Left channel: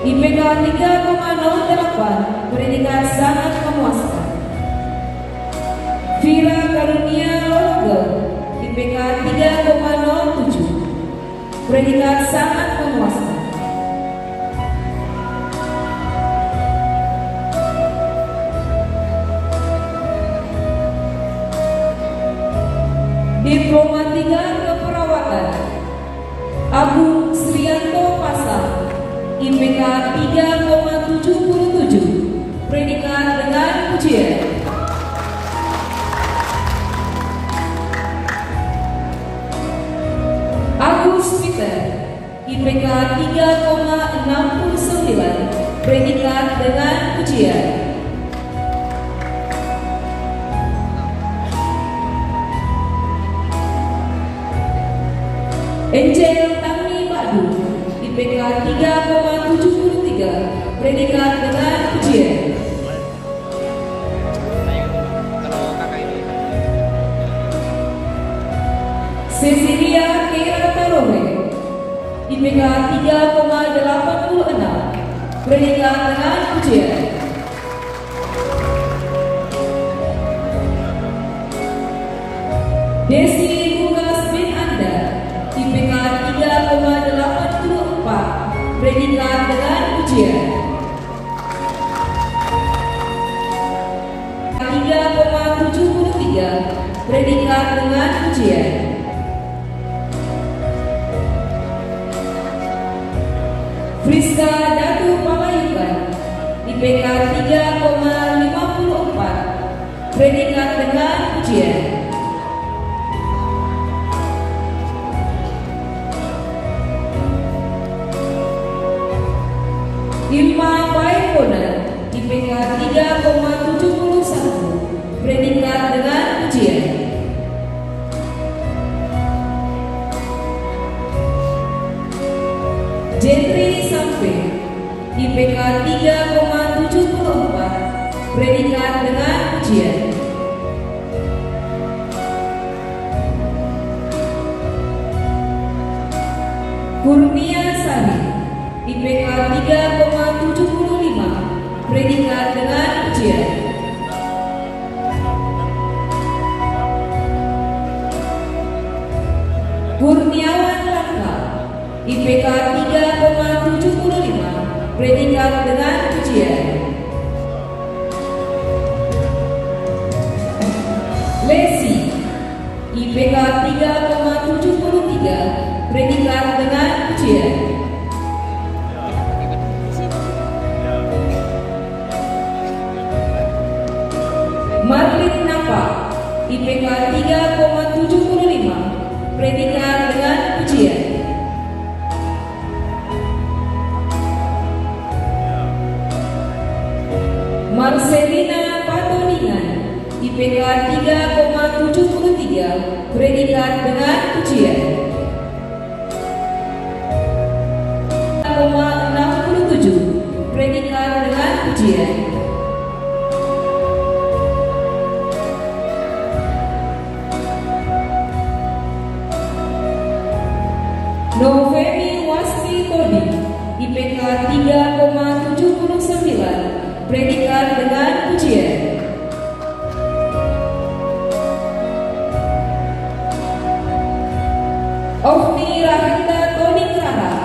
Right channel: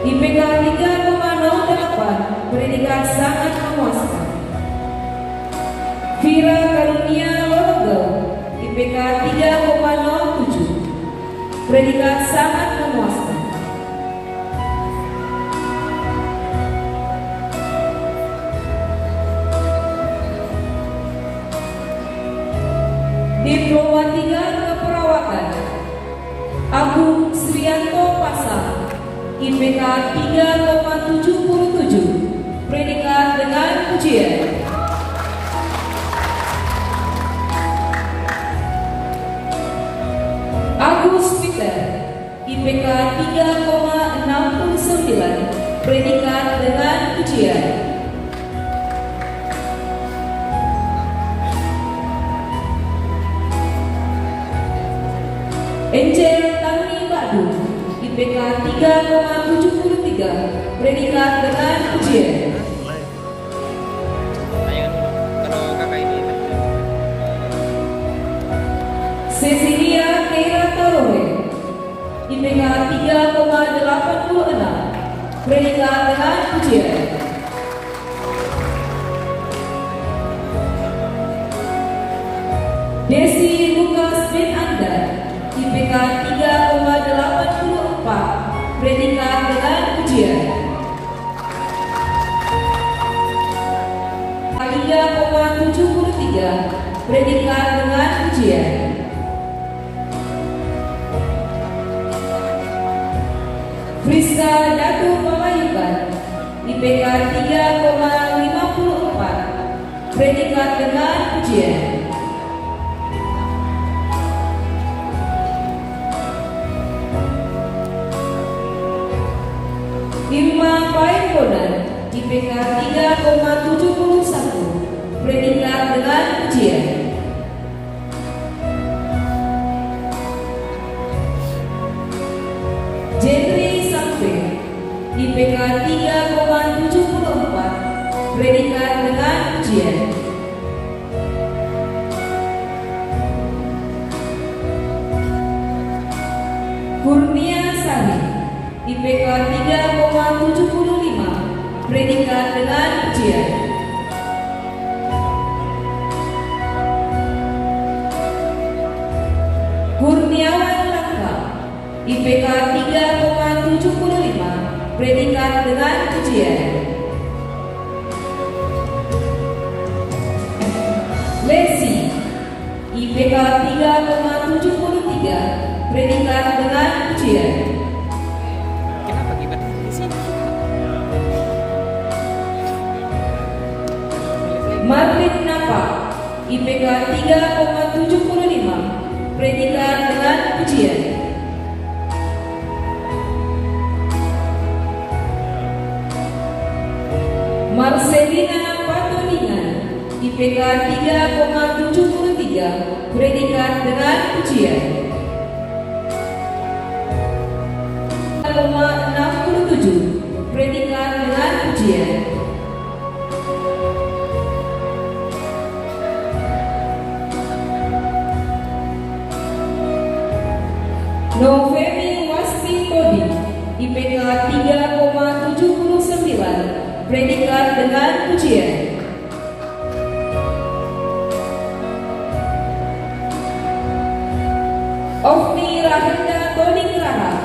IPK 3,08, predikat sangat memuaskan. Vira Karunia Lorogel, IPK 3,07, predikat sangat memuaskan. Diploma 3 Keperawatan Agung Srianto Pasang, IPK 3,77, predikat dengan pujian. Agus Peter, IPK 3,69, predikat dengan pujian. Encen Tami Badu, IPK 3,73, predikat dengan pujian. Cecilia Kera Tarowe, IPK 3,86, predikat dengan pujian. Desi Lukas bin Anda, IPK 3,84, predikat dengan pujian. 3,73, predikat dengan pujian. Friska Datu Pamayukan, IPK 3,54, predikat dengan pujian. Irma Paekonan, IPK 3,71, predikat dengan pujian. Jentri Sampe, IPK 3,74, predikat dengan pujian. Kurnia Sari, IPK 3,75, predikat dengan pujian. Kurniawan Langka, IPK 3,75, predikat dengan pujian. Lesi, IPK 3,73, predikat dengan pujian. Marlin Napa, IPK 3,75, predikat dengan pujian. Marcelina Patoningan, IPK 3,73, predikat dengan pujian. 3,67, predikat dengan pujian. Novemi Wasti Todi, IPK 3,79, predikat dengan pujian. Ofni Rahenda Toning Raha,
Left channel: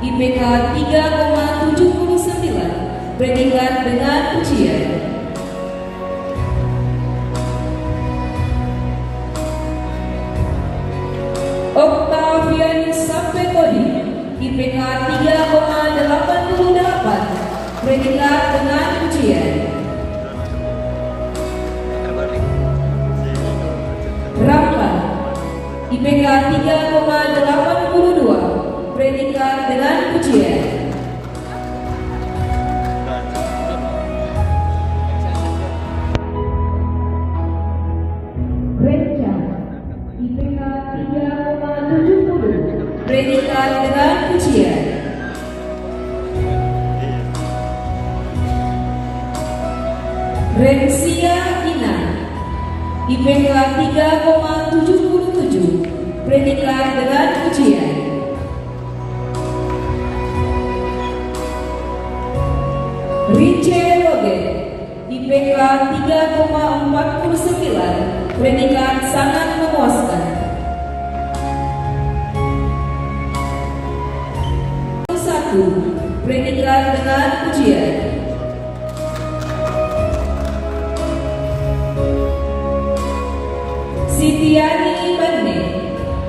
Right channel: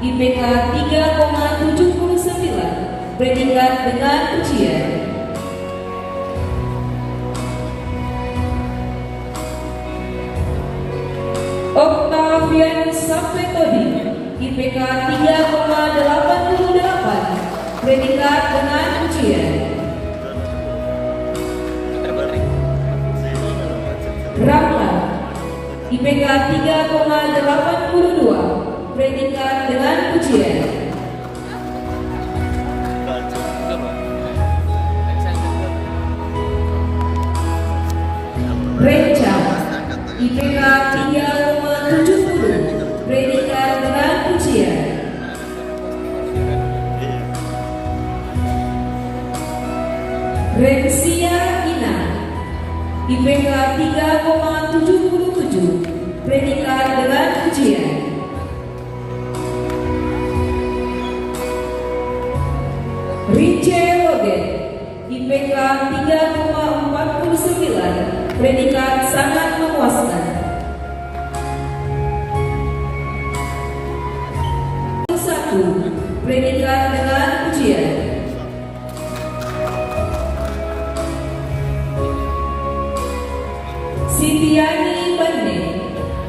IPK 3,79, predikat dengan pujian. Octavian Sapetodi, IPK 3,88, predikat dengan pujian. Ramla, IPK 3,82, predikat dengan pujian. Renca, IPK 3,70, predikat dengan pujian. Rensia Ina, IPK 3,77, predikat dengan pujian. Richel Logan, IPK 3,49, predikat sangat memuaskan. 1, predikat dengan ujian. Sitiani Bane,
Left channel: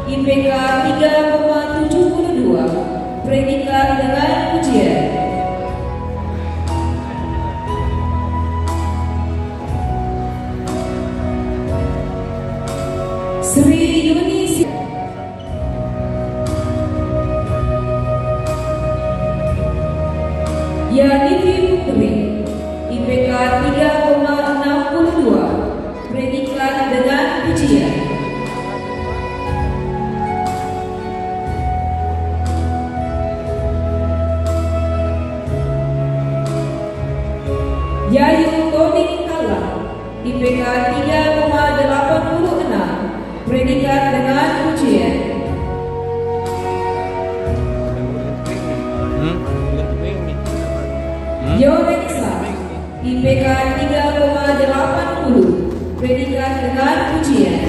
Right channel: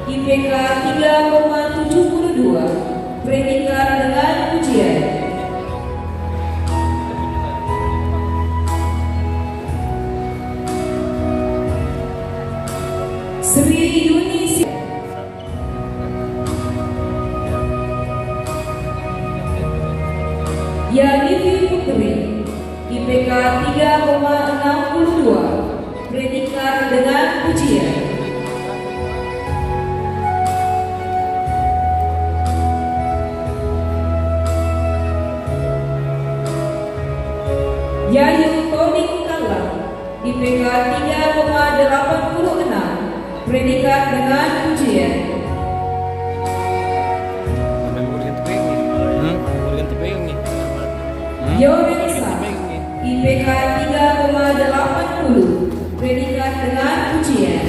IPK 3,72, predikat dengan ujian. Sri Yunisi, Yanifi Putri, IPK 3,62, predikat dengan ujian. Yayu Toding Kalang, IPK 3,86, predikat dengan ujian. Yorenisa, IPK 3,80, predikat dengan ujian.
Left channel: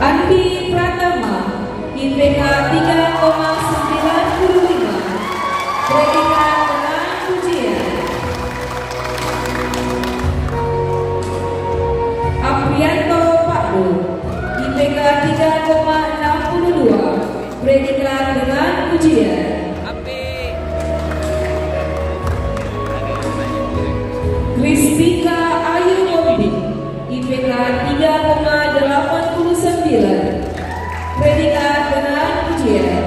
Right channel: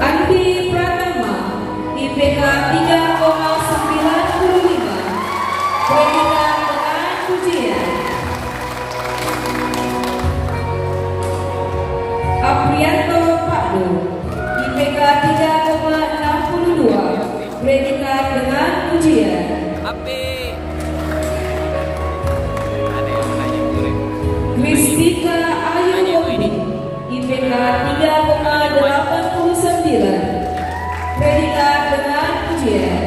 Andi Pratama, IPK 3,95, predikat dengan ujian. Aprianto Pakdo, IPK 3,62, predikat dengan ujian. Kristika Ayu Bobi, IPK 3,89, predikat dengan ujian.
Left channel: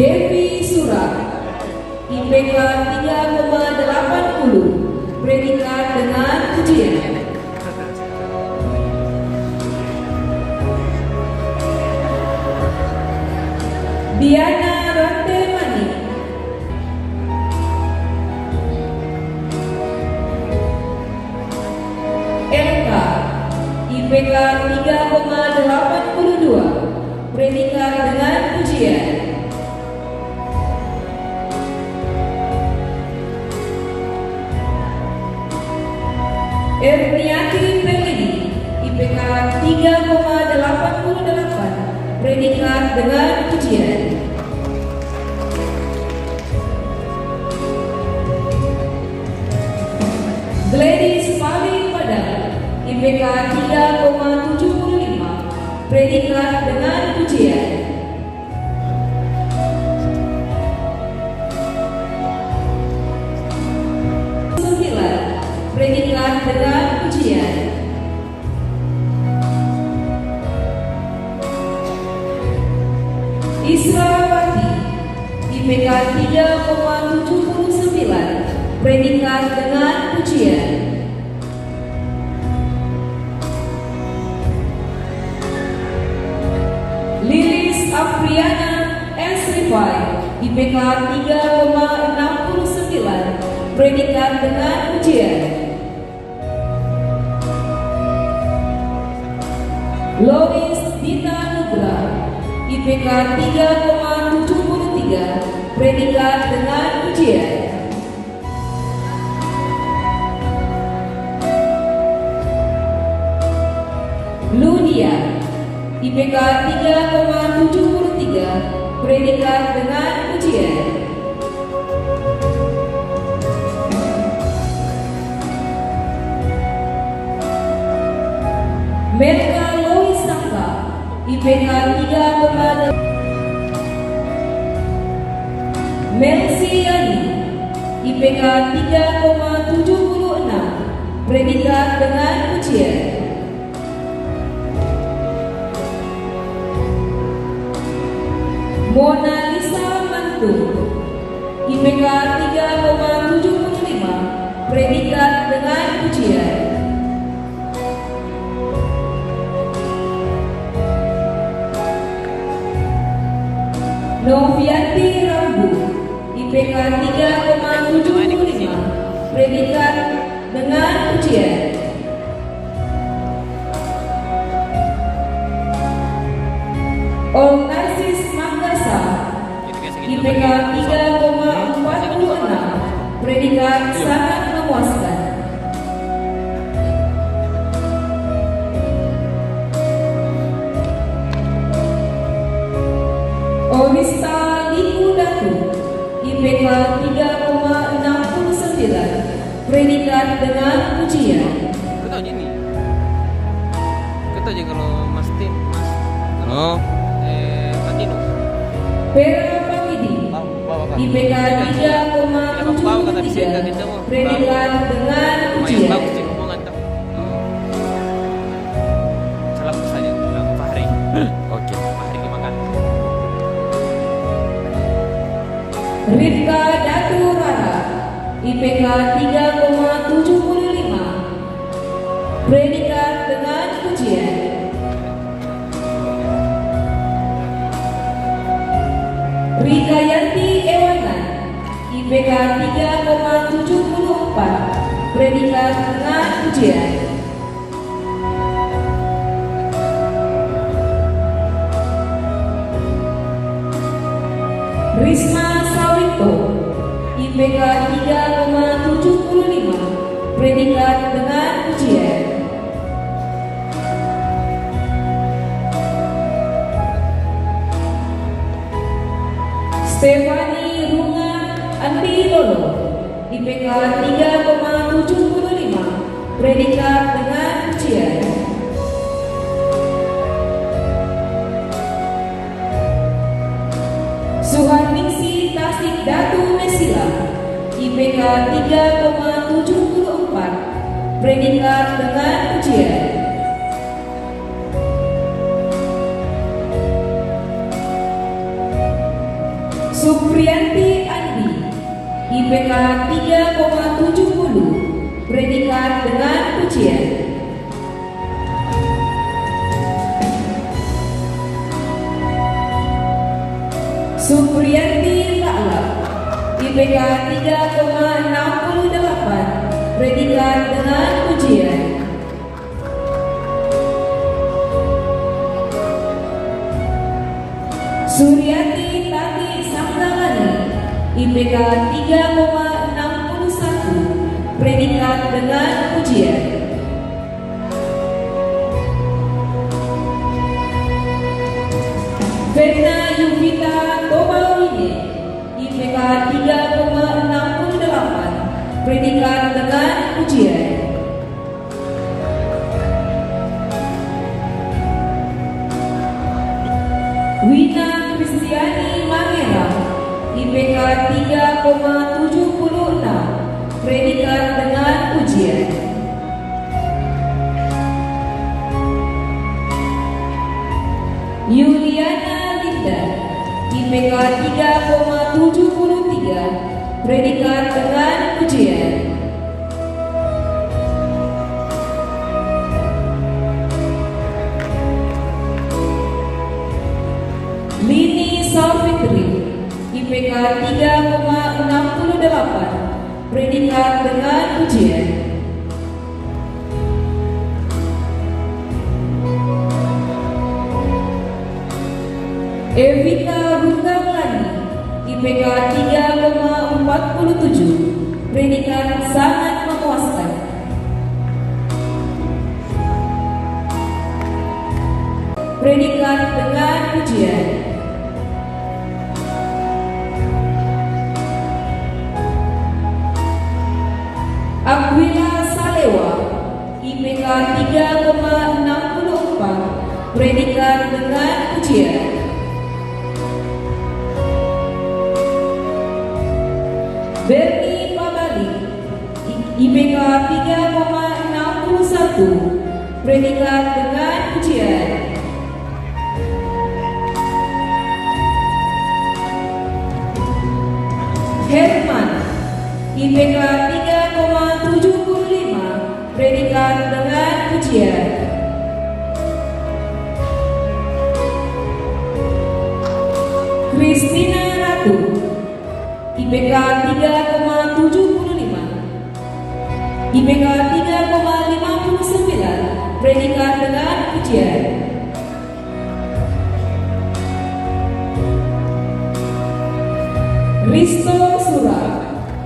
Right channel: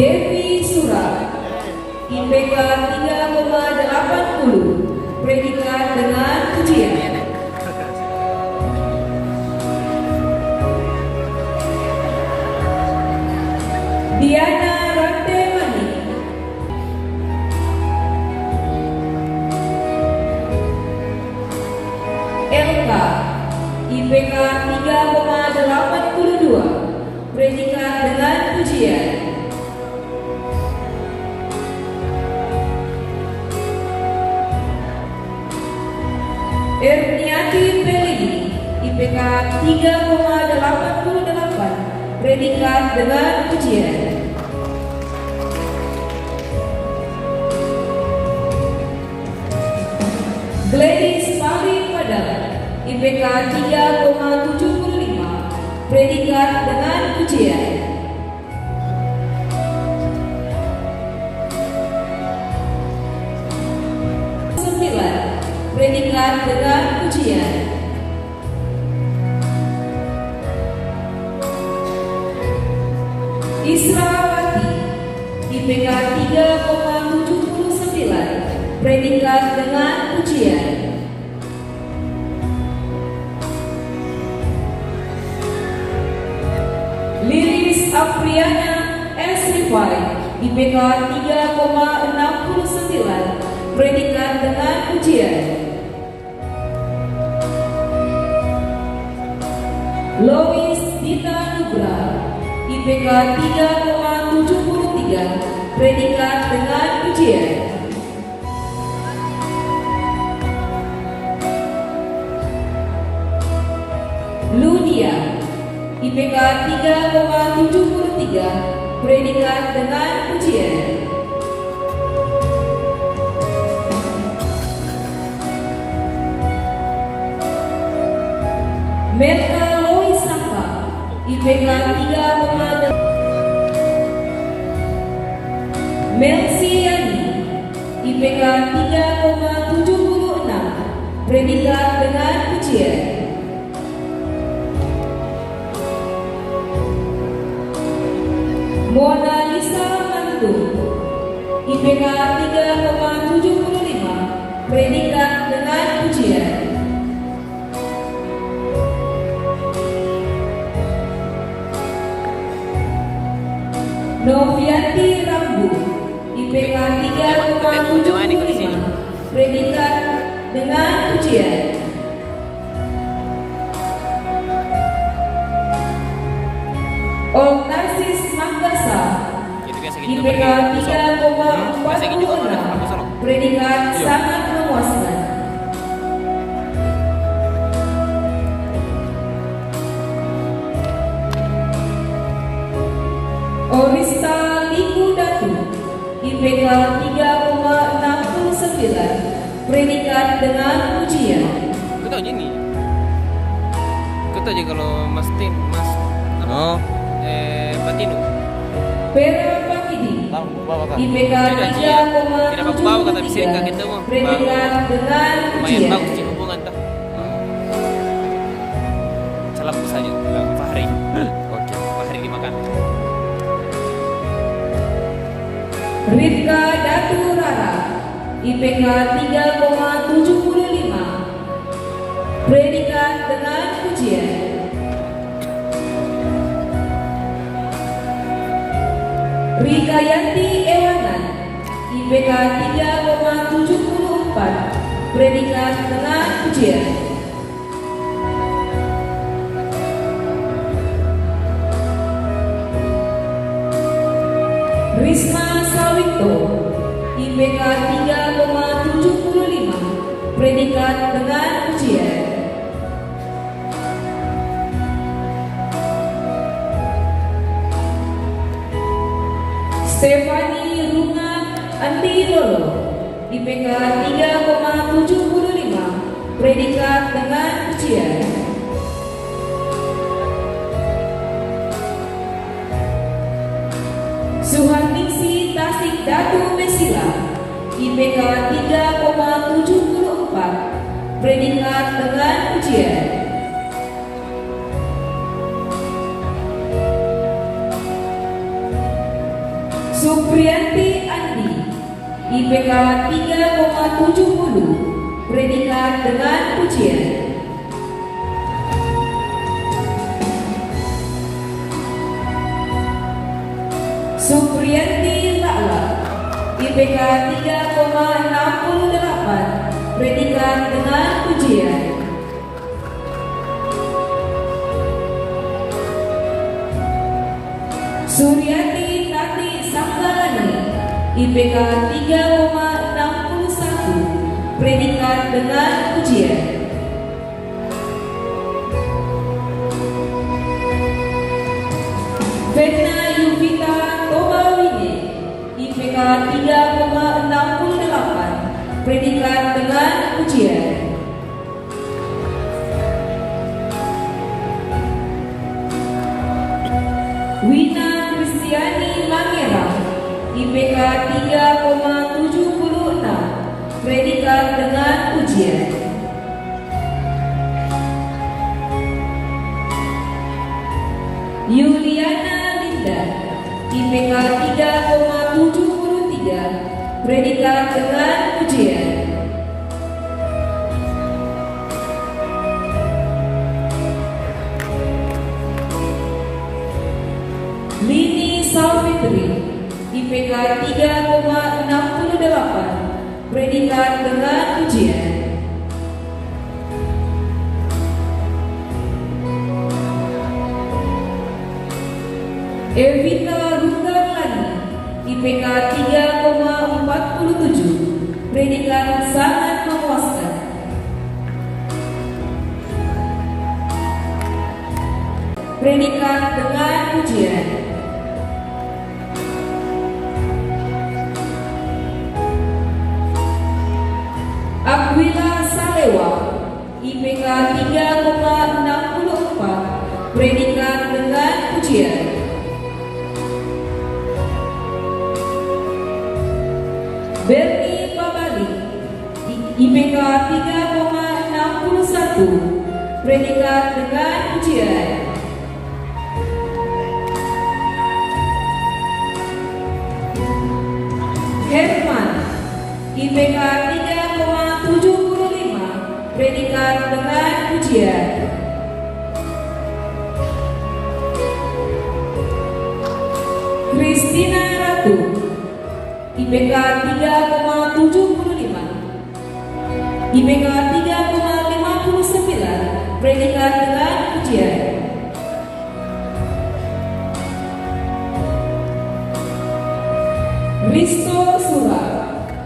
Devi Sura, IPK 3,80, predikat dengan ujian. Diana Rantemani, LK, IPK 3,82, predikat dengan ujian. Erniati Peledi, IPK 3,88, predikat dengan ujian. Gladys Pari Padang, IPK 3,75, predikat dengan ujian. Predikat dengan ujian. Israwati, IPK 3,79, predikat dengan ujian. Liris Apriana S.Rifai, IPK 3,69, predikat dengan ujian. Lois Dita Nugra, IPK 3,73, predikat dengan ujian. Ludia, IPK 3,73, predikat dengan ujian. Melka Loisaka, IPK 3,8. Melsi Yani, IPK 3,76, predikat dengan ujian. Mona Lisa Mantung, IPK 3,75, predikat dengan ujian. Novianti Rambu, IPK 3,75, predikat dengan ujian. Morista Likudatu, IPK 3,69, predikat dengan pujian. Kita aja nih. Kita aja kalau Mas Patino. Pera Pakidi, IPK 3,73, predikat dengan Lumayan pujian. bagus sih hubungan tuh. Salam saja Fahri. Oke. Fahri dimakan. Rifka Datu Rara, IPK 3,75, predikat dengan pujian. Rika Yanti Ewanan, IPK 3,74, predikat dengan pujian. Risma Sawito, IPK 3,75, predikat dengan pujian. Stefani Rungan Antidolo, IPK 3,75, predikat dengan pujian. Suharningsi Tasik Datu Mesila, IPK 3,74, predikat dengan pujian. Supriyanti Andi, IPK 3,70, predikat dengan pujian. Supriyanti Lala, IPK 3,68, predikat dengan pujian. Suryati Tati Sakdalani, IPK 3,61, predikat dengan pujian. Vena Yuvita Tomawine, IPK 3,68, predikat dengan pujian. Wina Kristiani Mangera, IPK 3,76, predikat dengan pujian. Yuliana Linda, IPK 3,73, predikat dengan pujian. Lini Savitri, IPK 3,68, predikat dengan pujian. Evita Rugamani, IPK 3,47, predikat sangat memuaskan. Predikat dengan pujian. Aquila Salewa, IPK 3,64, predikat dengan pujian. Berni Pabali, IPK 3,61, predikat dengan pujian. Herman, IPK 3,75, predikat dengan pujian. Christina Ratu, IPK 3,75, IPK 3,59, predikat dengan pujian. Risto Sura,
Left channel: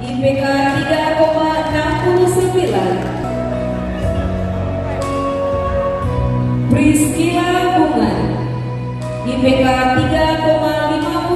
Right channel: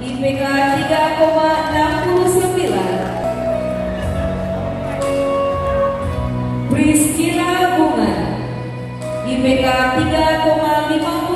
IPK 3,69, Priscila Bunga, IPK 3,56,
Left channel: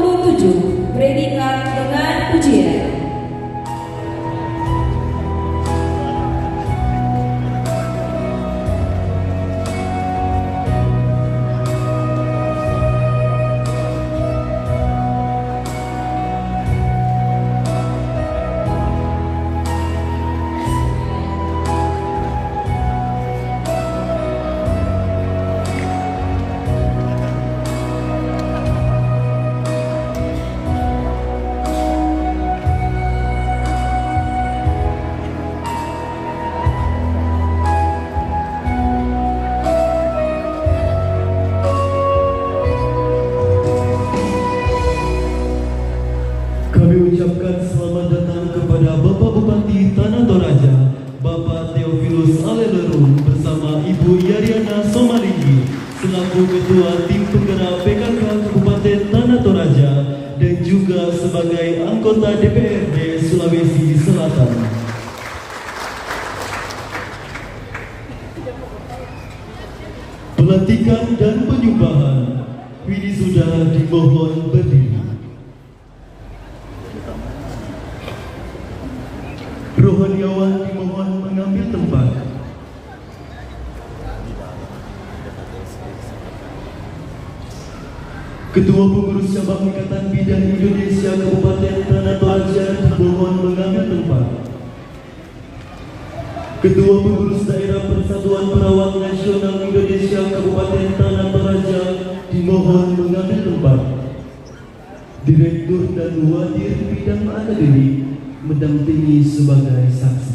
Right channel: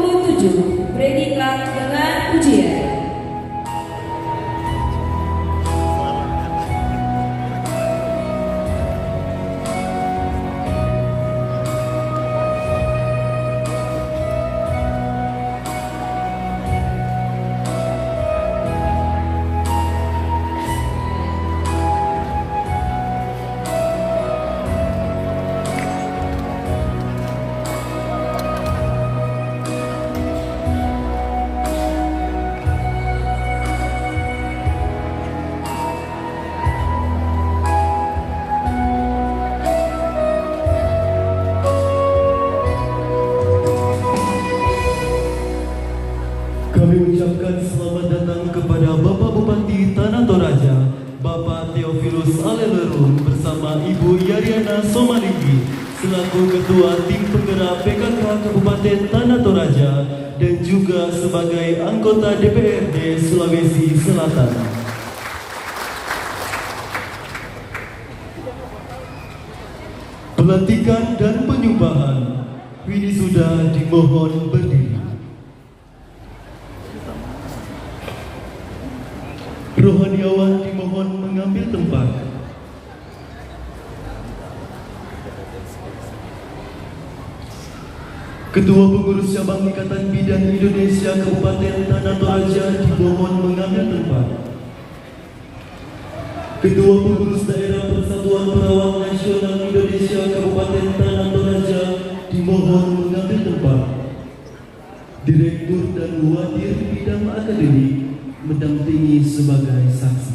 Pelantikan dan penyumpahan wisuda dimohon berdiri. Rohaniawan dimohon mengambil tempat. Ketua Pengurus Cabang Ikatan Bidan Indonesia Kabupaten Tanah Toraja dimohon mengambil tempat. Ketua Pengurus Daerah Persatuan Perawat Nasional Indonesia Kabupaten Tanah Toraja dimohon mengambil tempat. Direktur dan Wadir Bidang Akademik mendampingi sebagai saksi.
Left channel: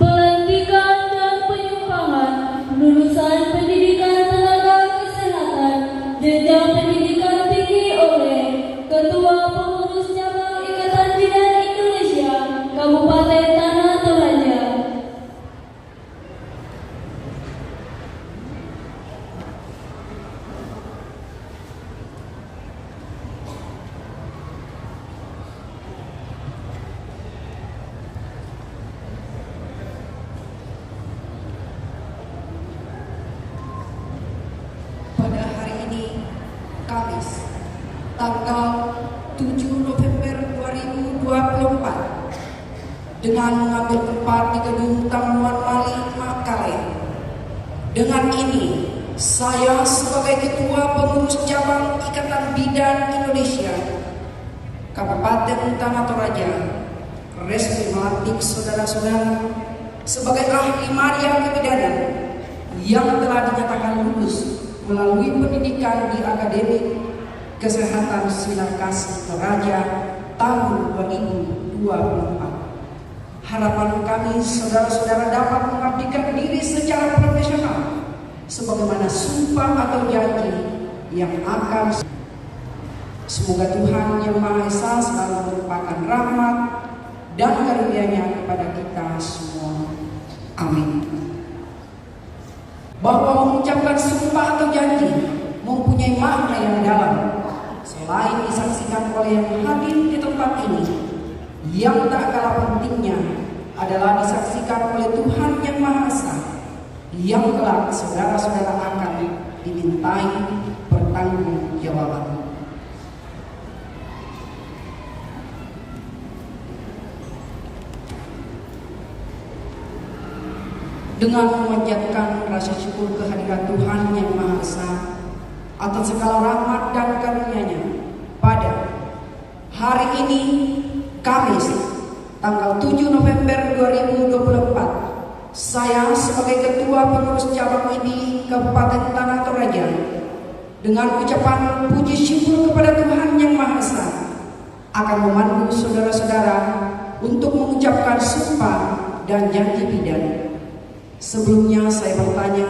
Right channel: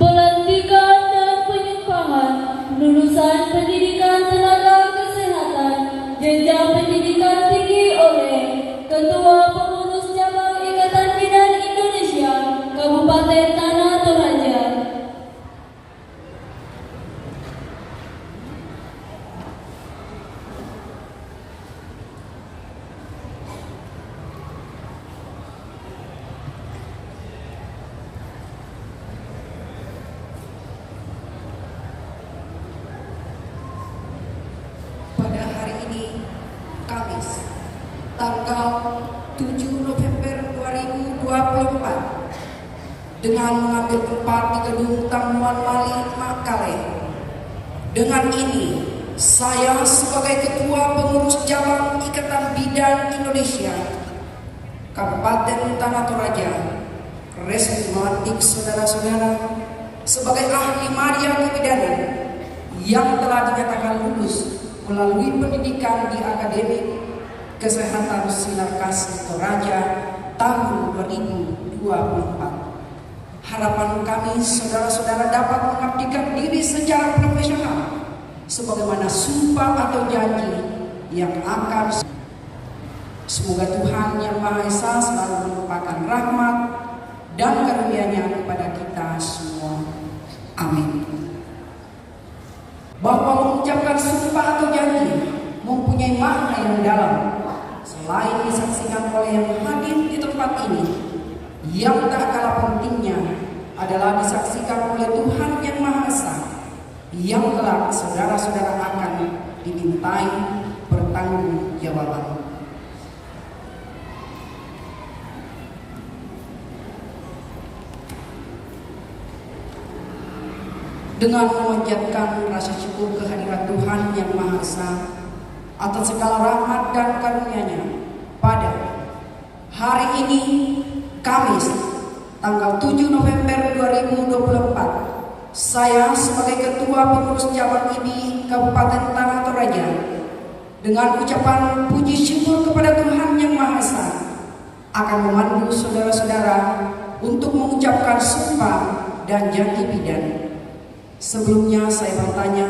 Pelantikan dan penyumpahan lulusan pendidikan tenaga kesehatan jenjang pendidikan tinggi oleh Ketua Pengurus Cabang Ikatan Bidan Indonesia Kabupaten Tanah Toraja. Pada hari ini, Kamis, tanggal 7 November 2024, dengan mengambil tempat di Gedung Tamuan Mali Makale. Dengan ini, saya sebagai Ketua Pengurus Cabang Ikatan Bidan Indonesia Kabupaten Tanah Toraja resmi melantik saudara-saudara sebagai ahli Maria Kebidanan yang telah dinyatakan lulus melalui pendidikan di Akademi Kesehatan Sinar Kasih Toraja tahun 2024. Harapan kami saudara-saudara dapat mengabdikan diri secara profesional sebagaimana sumpah atau janji yang akan. Semoga Tuhan Yang Maha Esa selalu melimpahkan rahmat dan karunia-Nya kepada kita semua. Amin. Bahwa mengucapkan sumpah atau janji mempunyai makna yang dalam. Selain disaksikan oleh yang hadir di tempat ini, yang tak kalah pentingnya adalah disaksikan oleh Tuhan Yang Maha Esa, yang telah saudara-saudara akan dimintai pertanggungjawaban. Dengan memanjatkan rasa syukur kehadiran Tuhan Yang Maha Esa atas segala rahmat dan karunia-Nya, pada hari ini Kamis tanggal 7 November 2024, saya sebagai Ketua Pengurus Cabang ini Kabupaten Tanah Toraja dengan ucapan puji syukur kepada Tuhan Yang Maha Esa akan memandu saudara-saudara untuk mengucapkan sumpah dan janji bidan. Sebelumnya saya bertanya,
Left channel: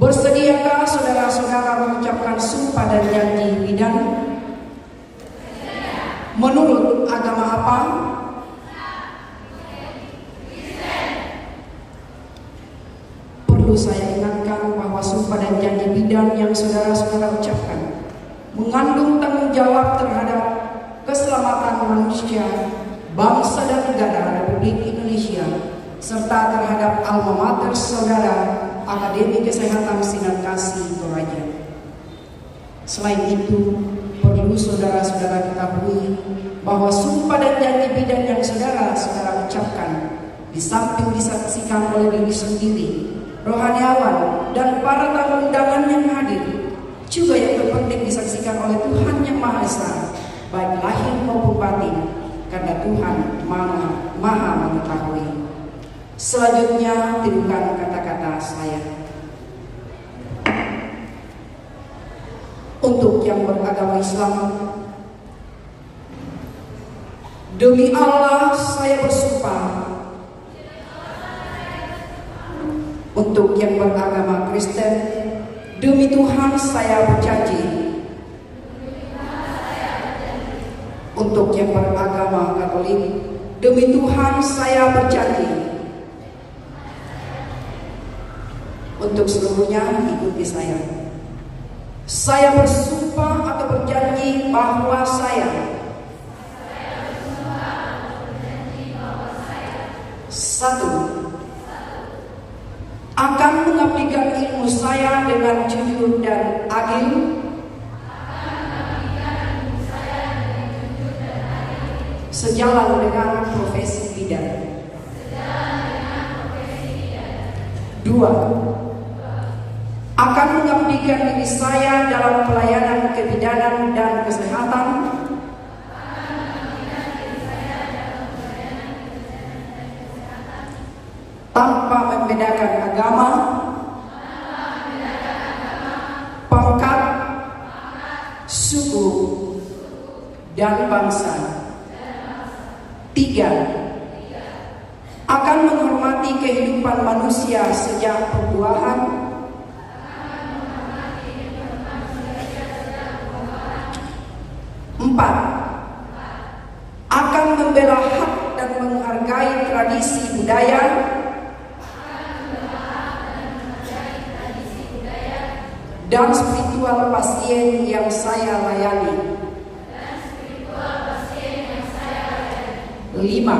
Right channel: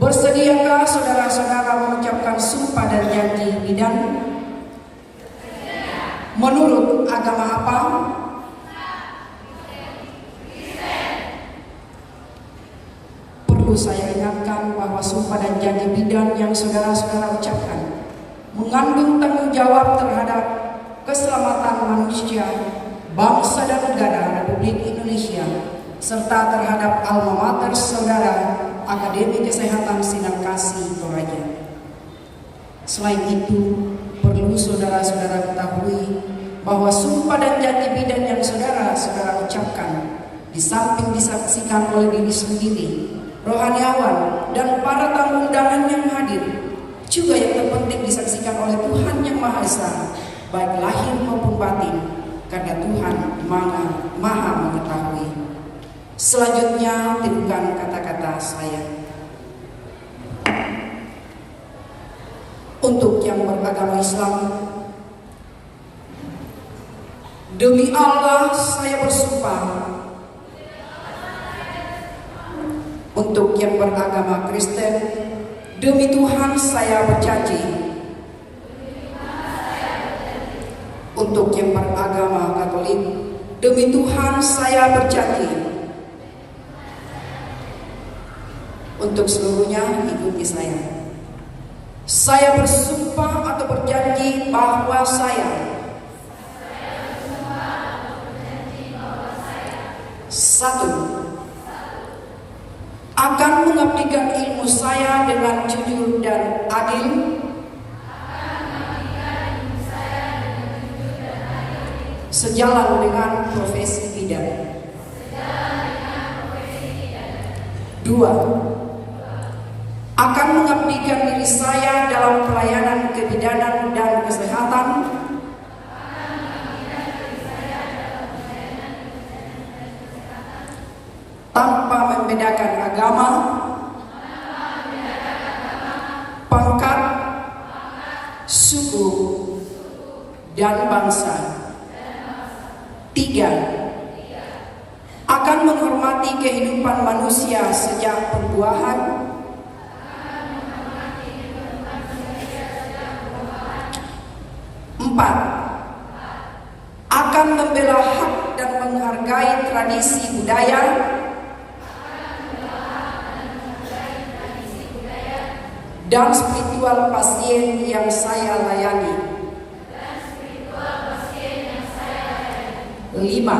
bersediakah saudara-saudara mengucapkan sumpah dan janji bidan? Menurut agama apa? Perlu saya ingatkan bahwa sumpah dan janji bidan yang saudara-saudara ucapkan mengandung tanggung jawab terhadap keselamatan manusia, bangsa dan negara Republik Indonesia, serta terhadap alma mater saudara Akademi Kesehatan Sinar Kasih Toraja. Selain itu, perlu saudara-saudara ketahui bahwa sumpah dan janji bidan yang saudara-saudara ucapkan, di samping disaksikan oleh diri sendiri, rohaniawan, dan para tamu undangan yang hadir, juga yang terpenting disaksikan oleh Tuhan Yang Maha Esa, baik lahir maupun batin, karena Tuhan Maha mengetahui. Selanjutnya, tirukan kata-kata saya. Untuk yang beragama Islam, demi Allah saya bersumpah. Untuk yang beragama Kristen, demi Tuhan saya berjanji. Untuk yang beragama Katolik, demi Tuhan saya berjanji. Untuk seluruhnya ikuti saya. Saya bersumpah atau berjanji bahwa saya satu, akan mengabdikan ilmu saya dengan jujur dan adil, sejalan dengan profesi bidan. Dua, akan mengabdikan diri saya dalam pelayanan kebidanan dan kesehatan tanpa membedakan agama, pangkat, suku, dan bangsa. Tiga, akan menghormati kehidupan manusia sejak perbuahan, empat, akan membela hak dan menghargai tradisi budaya dan spiritual pasien yang saya layani. Lima,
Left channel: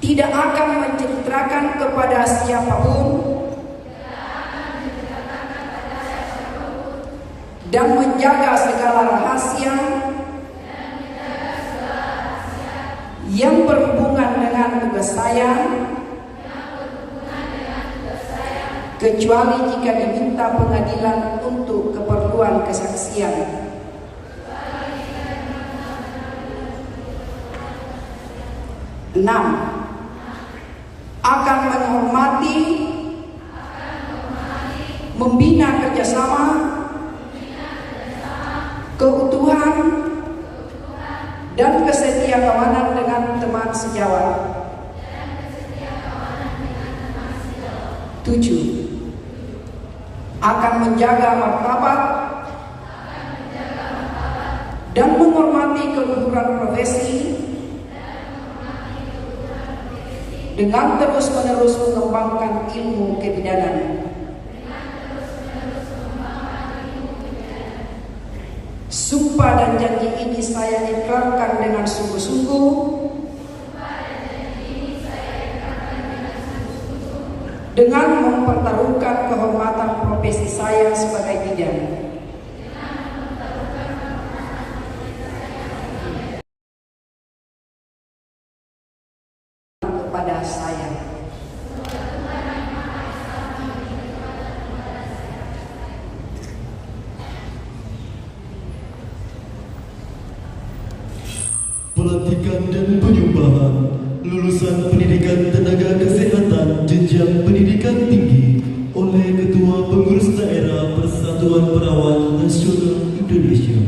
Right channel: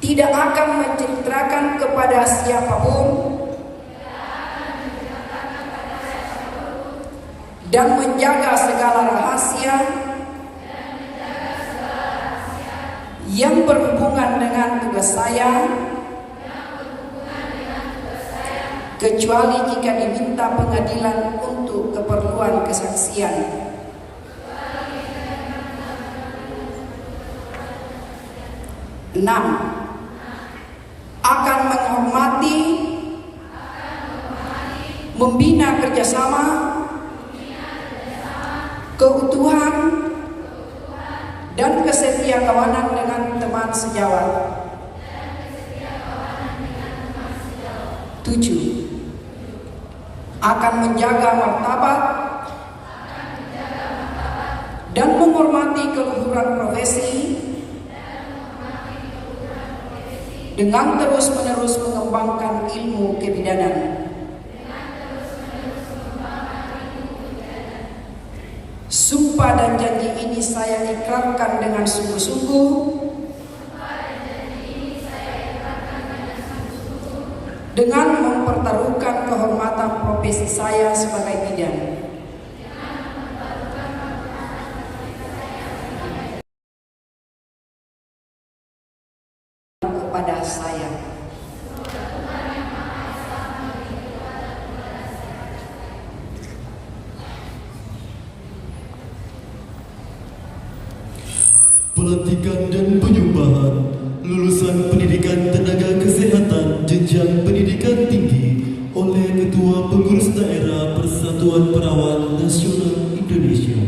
tidak akan menceritakan kepada siapapun dan menjaga segala rahasia yang berhubungan dengan tugas saya, kecuali jika diminta pengadilan untuk keperluan kesaksian. 6, akan menghormati, membina kerjasama, keutuhan, dan kesetiakawanan dengan teman sejawat. 7, akan menjaga martabat dan menghormati keluhuran profesi dengan terus-menerus mengembangkan ilmu kebidanan. Sumpah dan janji ini saya ikrarkan dengan sungguh-sungguh dengan mempertaruhkan kehormatan profesi saya sebagai bidan. Kepada saya. Pelantikan dan penyumpahan lulusan pendidikan tenaga kesehatan jenjang pendidikan tinggi oleh Ketua Pengurus Daerah Persatuan Perawat Nasional Indonesia.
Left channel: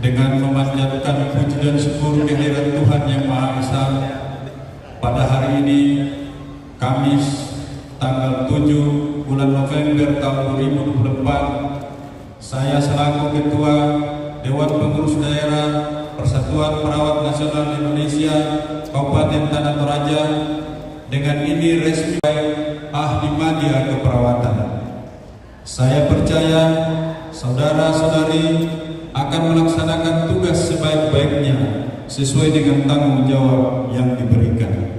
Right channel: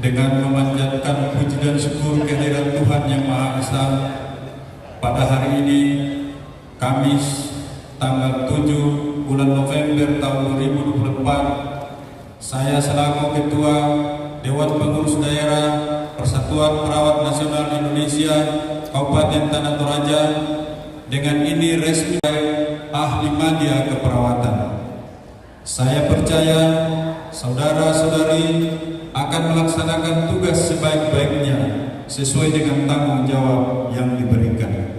Dengan memanjatkan puji dan syukur kehadirat Tuhan Yang Maha Esa, pada hari ini Kamis tanggal 7 bulan November tahun 2024, saya selaku Ketua Dewan Pengurus Daerah Persatuan Perawat Nasional Indonesia Kabupaten Tanah Toraja dengan ini resmi ahli media keperawatan. Saya percaya saudara-saudari akan melaksanakan tugas sebaik-baiknya sesuai dengan tanggung jawab yang diberikan.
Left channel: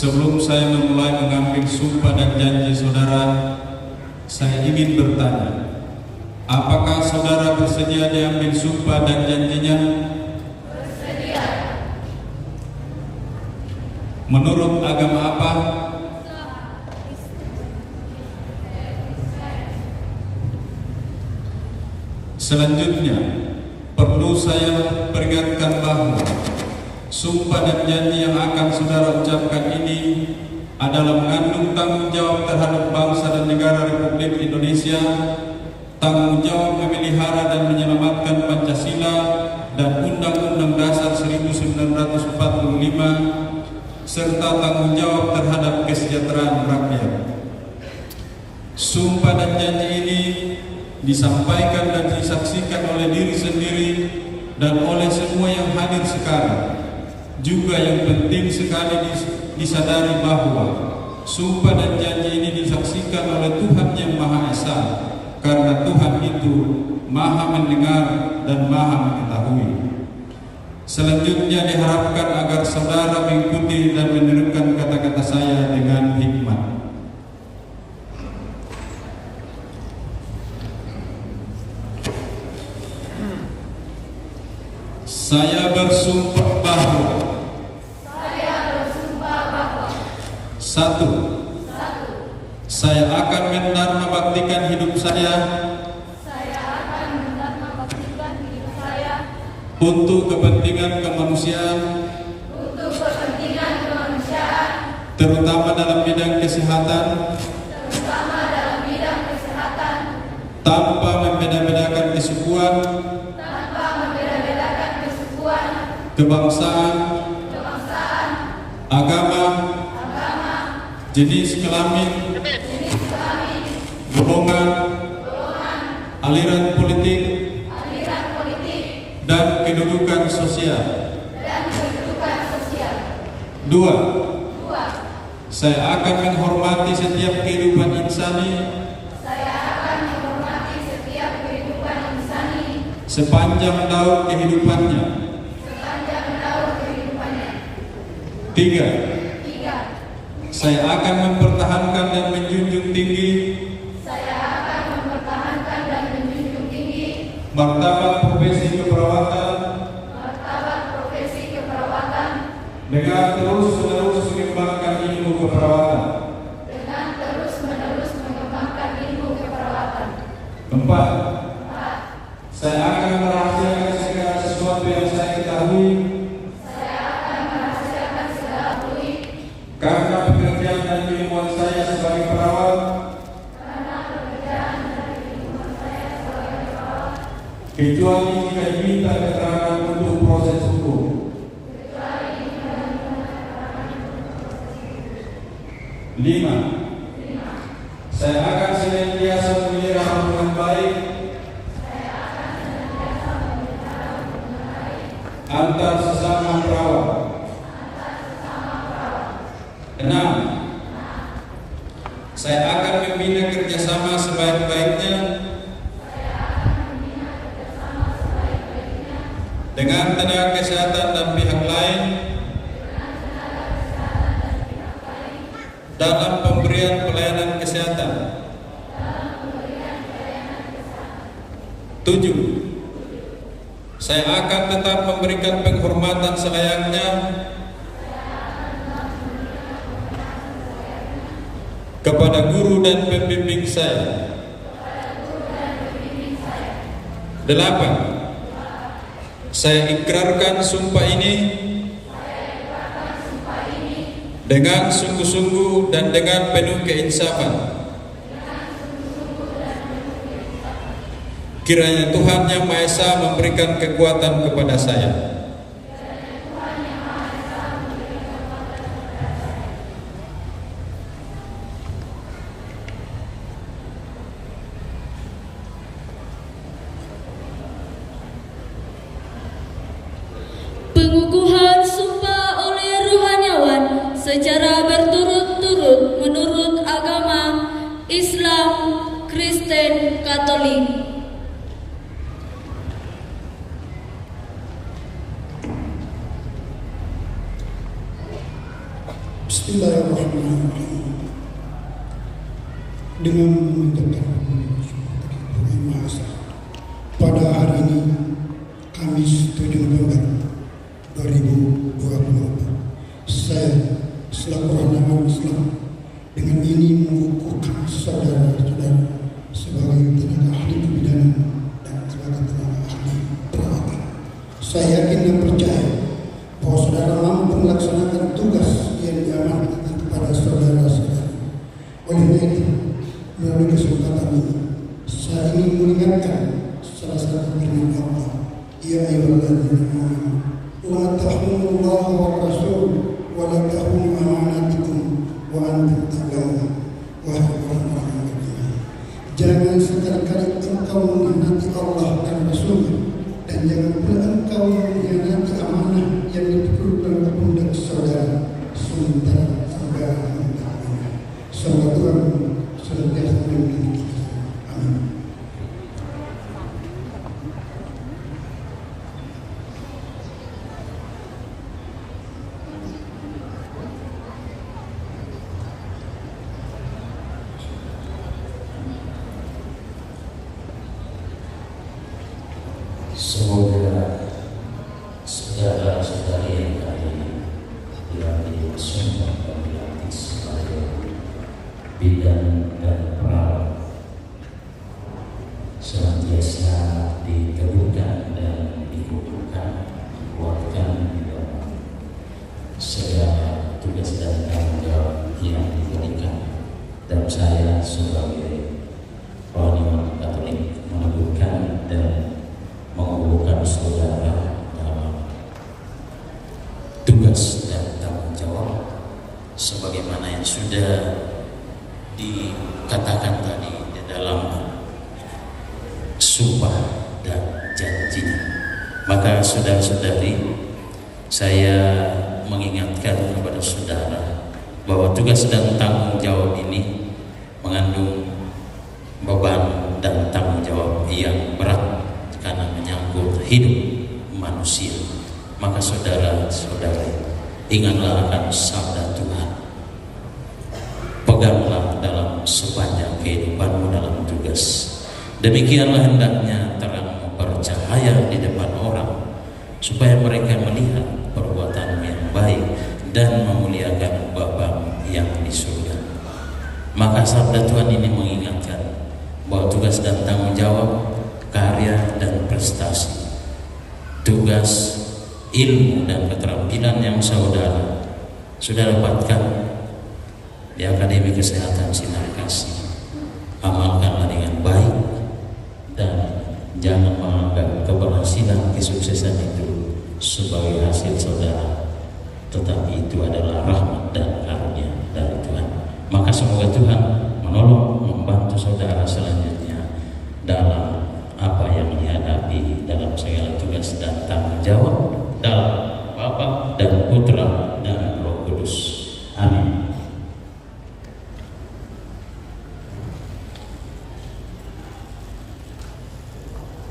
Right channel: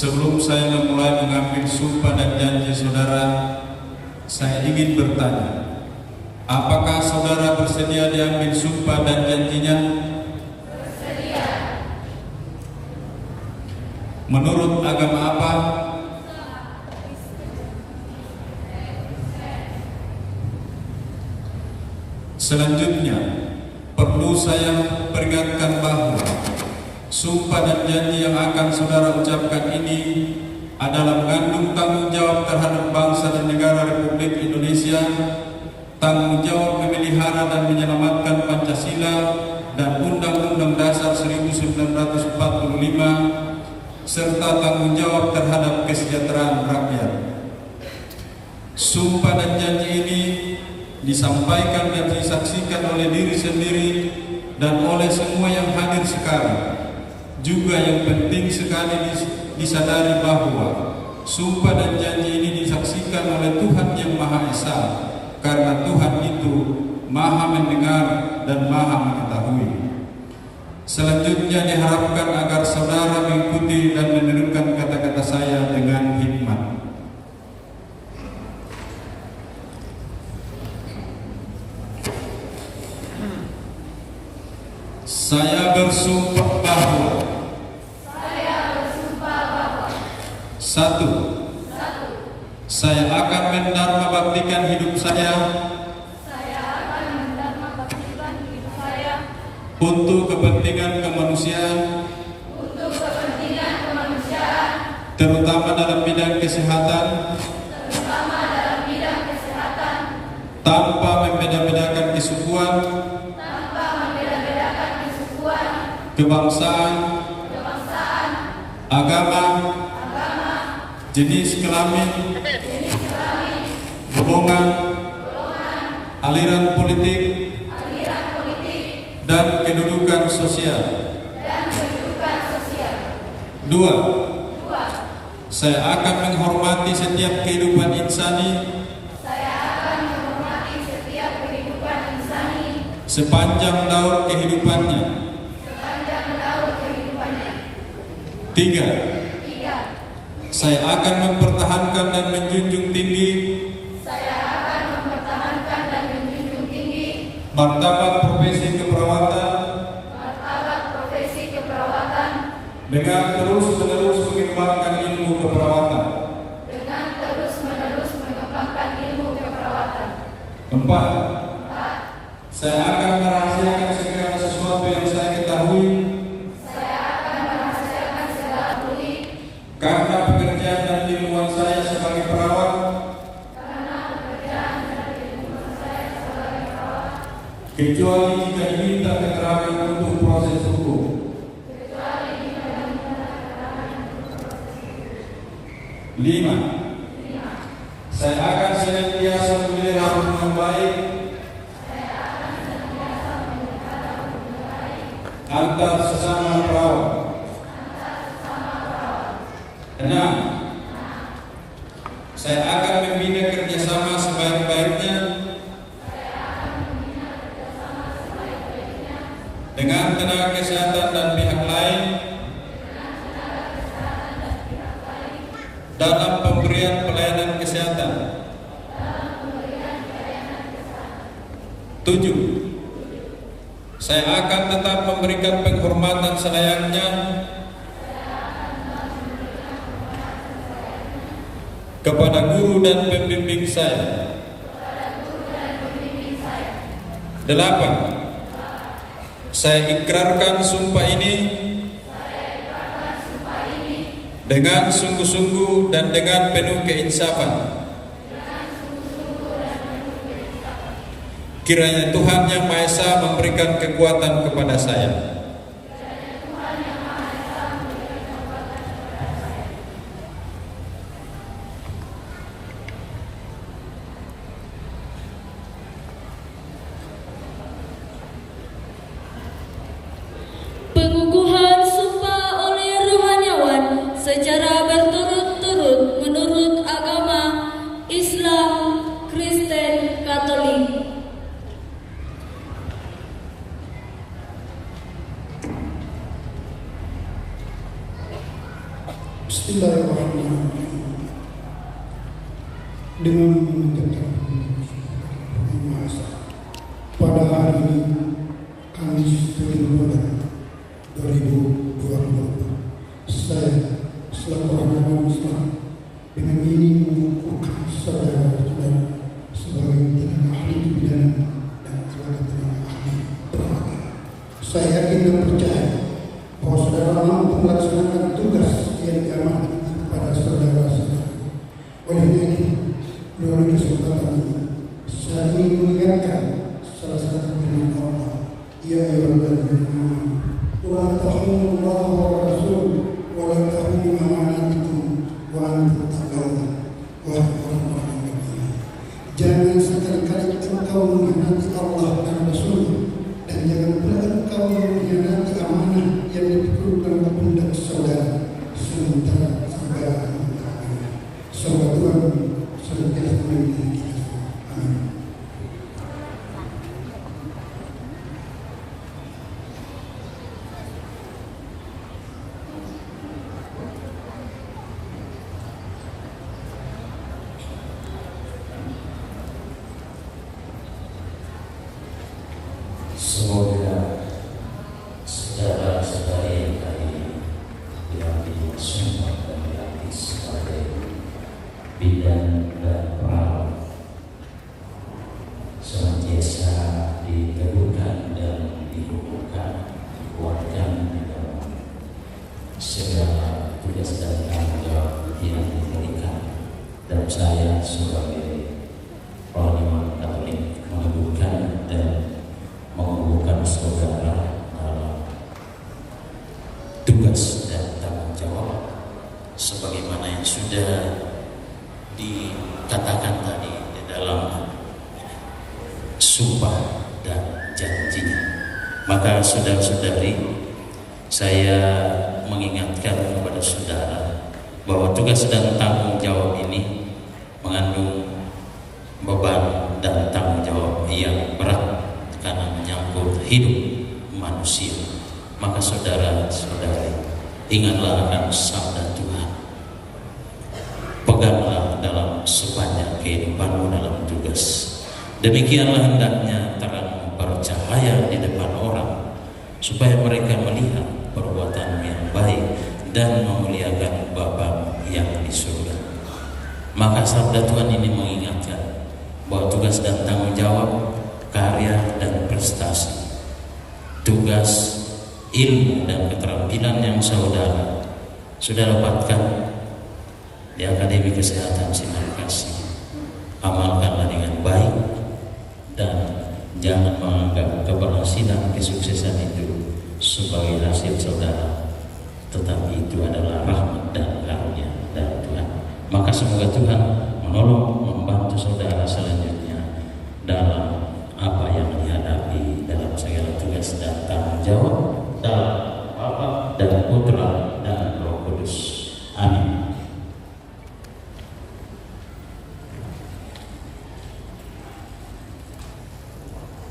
Sebelum saya memulai mengambil sumpah dan janji saudara, saya ingin bertanya, apakah saudara bersedia diambil sumpah dan janjinya? Bersedia. Menurut agama apa? Selanjutnya, perlu saya peringatkan bahwa sumpah dan janji yang akan saudara ucapkan ini adalah mengandung tanggung jawab terhadap bangsa dan negara Republik Indonesia, tanggung jawab memelihara dan menyelamatkan Pancasila dan Undang-Undang Dasar 1945, serta tanggung jawab terhadap kesejahteraan rakyat. Sumpah dan janji ini disampaikan dan disaksikan oleh diri sendiri dan oleh semua yang hadir sekarang. Juga yang penting sekali disadari bahwa sumpah dan janji ini disaksikan oleh Tuhan yang Maha Esa, karena Tuhan itu Maha mendengar dan Maha mengetahui. Selanjutnya diharapkan agar saudara mengikuti dan meneruskan kata-kata saya dengan hikmat. Saya bersumpah bahwa Satu, saya akan mendarmabaktikan hidup saya untuk kepentingan kemanusiaan, terutama dalam bidang kesehatan, tanpa membeda-bedakan kesukuan, kebangsaan, agama, jenis kelamin, golongan, aliran politik, dan kedudukan sosial. Dua, saya akan menghormati setiap kehidupan insani sepanjang daur kehidupannya. Tiga, saya akan mempertahankan dan menjunjung tinggi martabat profesi keperawatan dengan terus-menerus mengembangkan ilmu keperawatan. Empat, saya akan merahasiakan segala sesuatu yang saya ketahui karena pekerjaan dan ilmuwan saya sebagai perawat, kecuali jika diminta keterangan untuk proses hukum. Lima, saya akan senantiasa memelihara hubungan baik antar sesama perawat. Enam, saya akan membina kerjasama sebaik-baiknya dengan tenaga kesehatan dan pihak lain dalam pemberian pelayanan kesehatan. Tujuh, saya akan tetap memberikan penghormatan selayaknya kepada guru dan pembimbing saya. Delapan, saya ikrarkan sumpah ini dengan sungguh-sungguh dan dengan penuh keinsafan. Kiranya Tuhan Yang Maha Esa memberikan kekuatan kepada saya. Pengukuhan sumpah oleh rohaniawan secara berturut-turut menurut agama Islam, Kristen, Katolik. Bismillahirrahmanirrahim. Dengan mengucapkan pada hari ini Kamis 7 November 2024, saya selaku rohaniawan Islam dengan ini mengukuhkan saudara-saudara sebagai tenaga ahli pidana dan sebagai tenaga ahli perawatan. Saya yakin dan percaya bahwa saudara mampu melaksanakan tugas yang diamanahkan kepada saudara Karena itu, melalui kesempatan ini, saya ingin mengingatkan salah satu firman Allah. Ya ayyuhalladzina amanu, la takhunu wa rasul wa la takhunu amanatikum wa antum ta'lamun. Wahai orang-orang yang beriman, jangan sekali-kali engkau mengkhianati Allah dan Rasul-Nya, dan jangan pula engkau mengkhianati amanah yang dipegang ke pundak saudara, sementara saudara mengetahui. Semoga Tuhan senantiasa membimbing kita. Amin. Semoga saudara-saudari yang tadi yang disumpah dan dilantik sebagai bidan dan perawat senantiasa diteguhkan dan dikukuhkan, dikuatkan di dalam segala tugas dan tanggung jawab yang diberikan. Dan saya sebagai panglima Katolik meneguhkan dan mengukuhkan saudara dalam tugas dan tanggung jawab sebagaimana yang sudah dikatakan tadi di dalam sumpah dan janji. Maka saudara-saudari, saya mengingatkan kepada saudara bahwa tugas dan tanggung jawab ini mengandung beban dan tanggung jawab yang berat karena menyangkut hidup manusia. Maka saudara-saudari, ingatlah akan sabda Tuhan. Peganglah dalam sepanjang kehidupanmu dalam tugas. Demikianlah hendaknya terang bercahaya di depan orang, supaya mereka melihat perbuatan yang baik dan memuliakan Bapa yang di surga. Maka sabda Tuhan ini mengingatkan bahwa tugas dan tanggung jawab, karya dan prestasi, tugas, ilmu dan keterampilan yang saudara sudah dapatkan di Akademi Kesehatan Sinar Kasih, amalkanlah dengan baik dan jangan menganggap keberhasilan kesuksesan itu sebagai hasil saudara, tetapi itu adalah rahmat dan karunia dari Tuhan. Maka semoga Tuhan menolong, membantu saudara selanjutnya dalam apa yang dihadapi dalam segala tugas dan tanggung jawab dalam Bapa dan Putra dan Roh Kudus. Amin.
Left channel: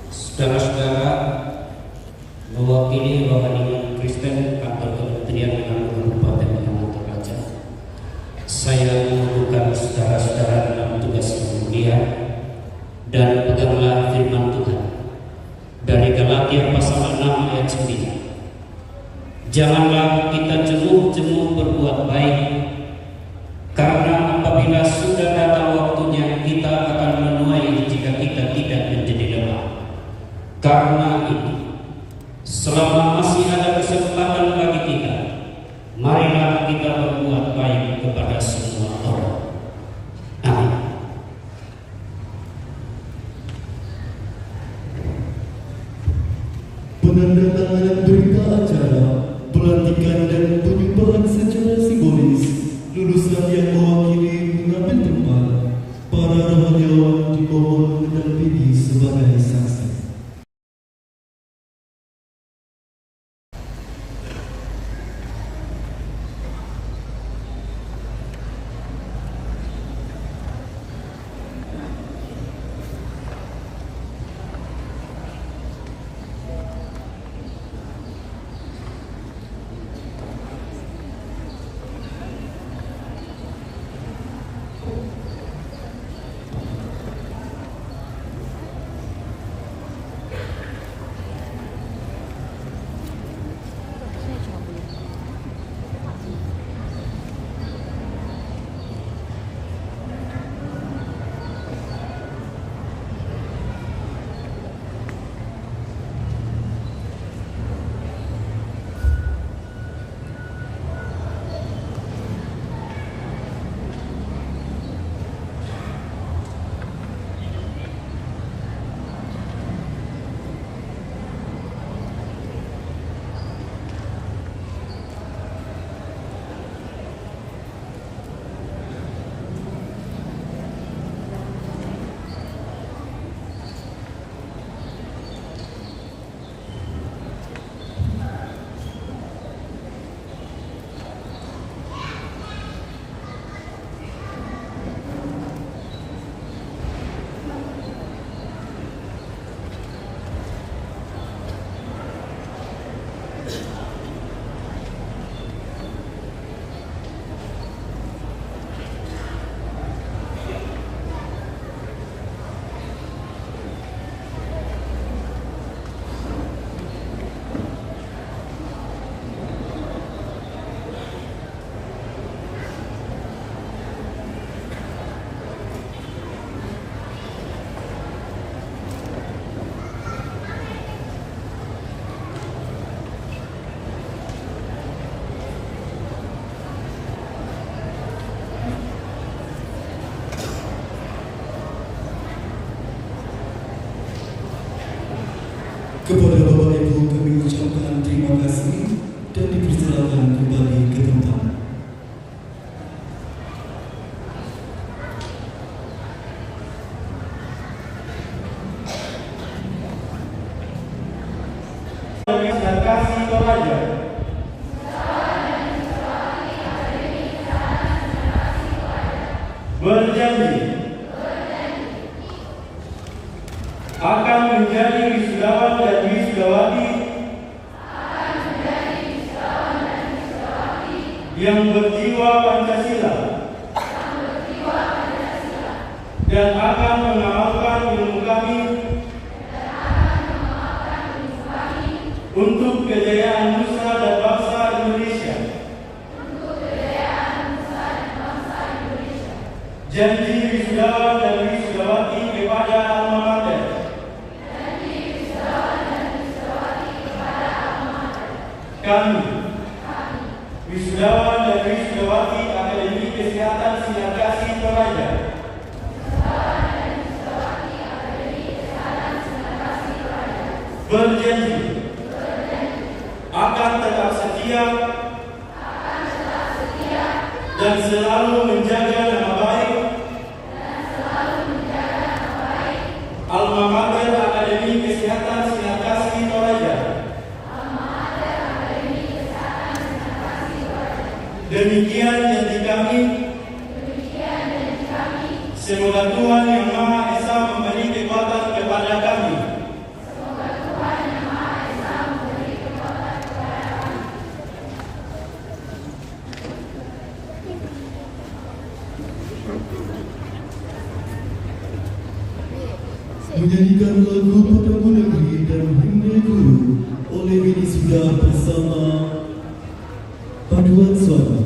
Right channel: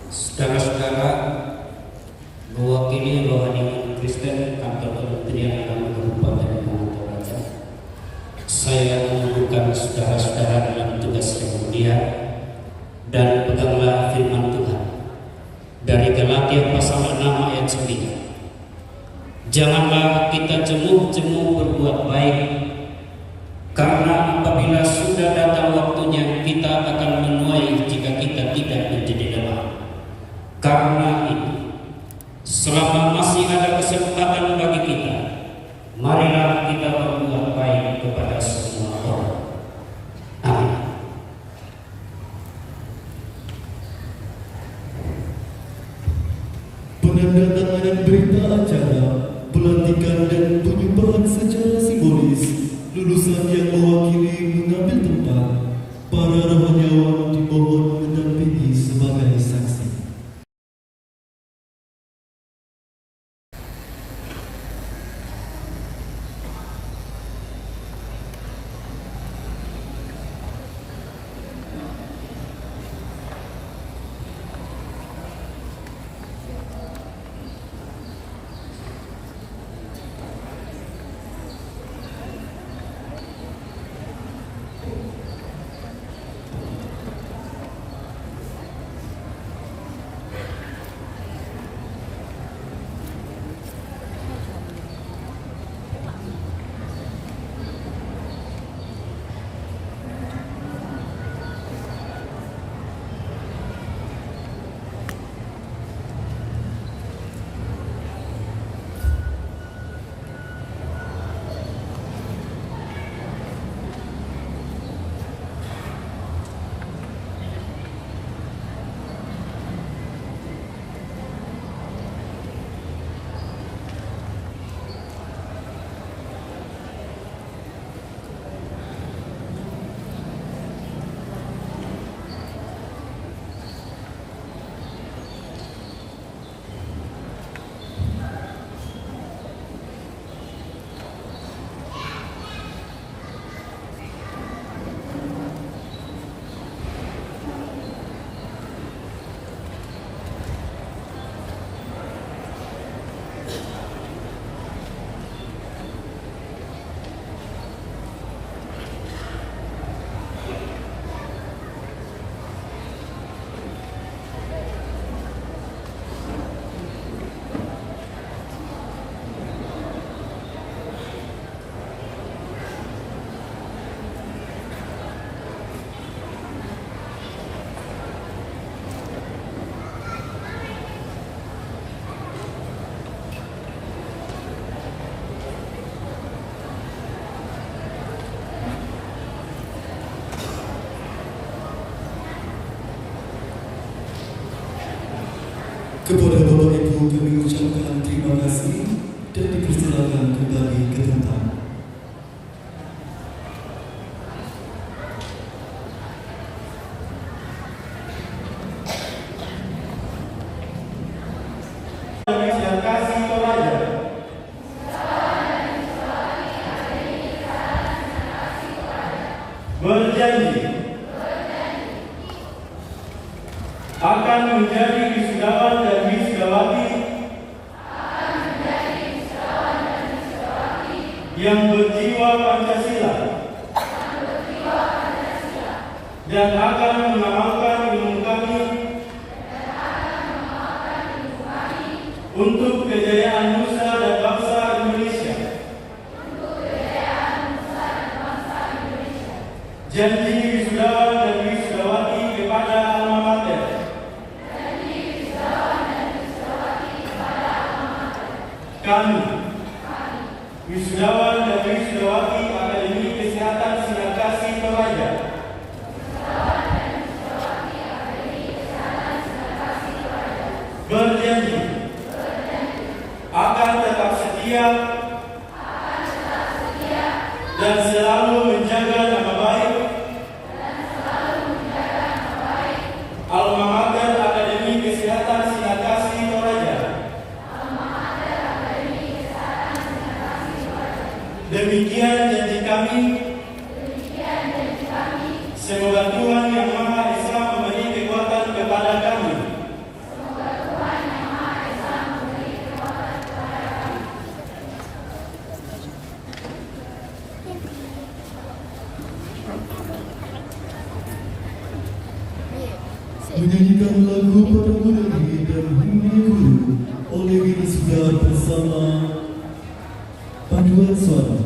Saudara-saudara, mewakili Rohani Kristen Kantor Kementerian Agama Kabupaten Tanah Toraja, saya mengukuhkan saudara-saudara dalam tugas yang mulia dan peganglah firman Tuhan dari Galatia pasal 6 ayat 9. Janganlah kita jenuh-jenuh berbuat baik, karena apabila sudah datang waktunya kita akan menuai jika kita tidak menjadi lelah. Karena itu, selama masih ada kesempatan bagi kita, marilah kita berbuat baik kepada semua orang. Amin. Penandatanganan berita acara, pelantikan dan penyembahan secara simbolis Kepada Bapak Ibu kami ucapkan terima kasih dan dipersilakan kembali ke tempat. Kasih Toraja. Berjanji akan menjadi wisudawan dan wisudawati yang berjiwa Pancasila dan akan mengamalkan ilmu kami untuk kejayaan nusa dan bangsa Indonesia. Janji wisudawan dan wisudawati kepada alma mater. Kami, wisudawan dan wisudawati Akademi Kesehatan Sinar Kasih Toraja, berjanji akan tetap setia dan selalu menjaga nama baik alma mater Akademi Kesehatan Sinar Kasih Toraja. Demikian janji kami. Semoga Tuhan Yang Maha Esa memberi kekuatan kepada kami menyanyikan lagu Padamu Negeri dan Himne Guru oleh Wisuda bersama paduan suara.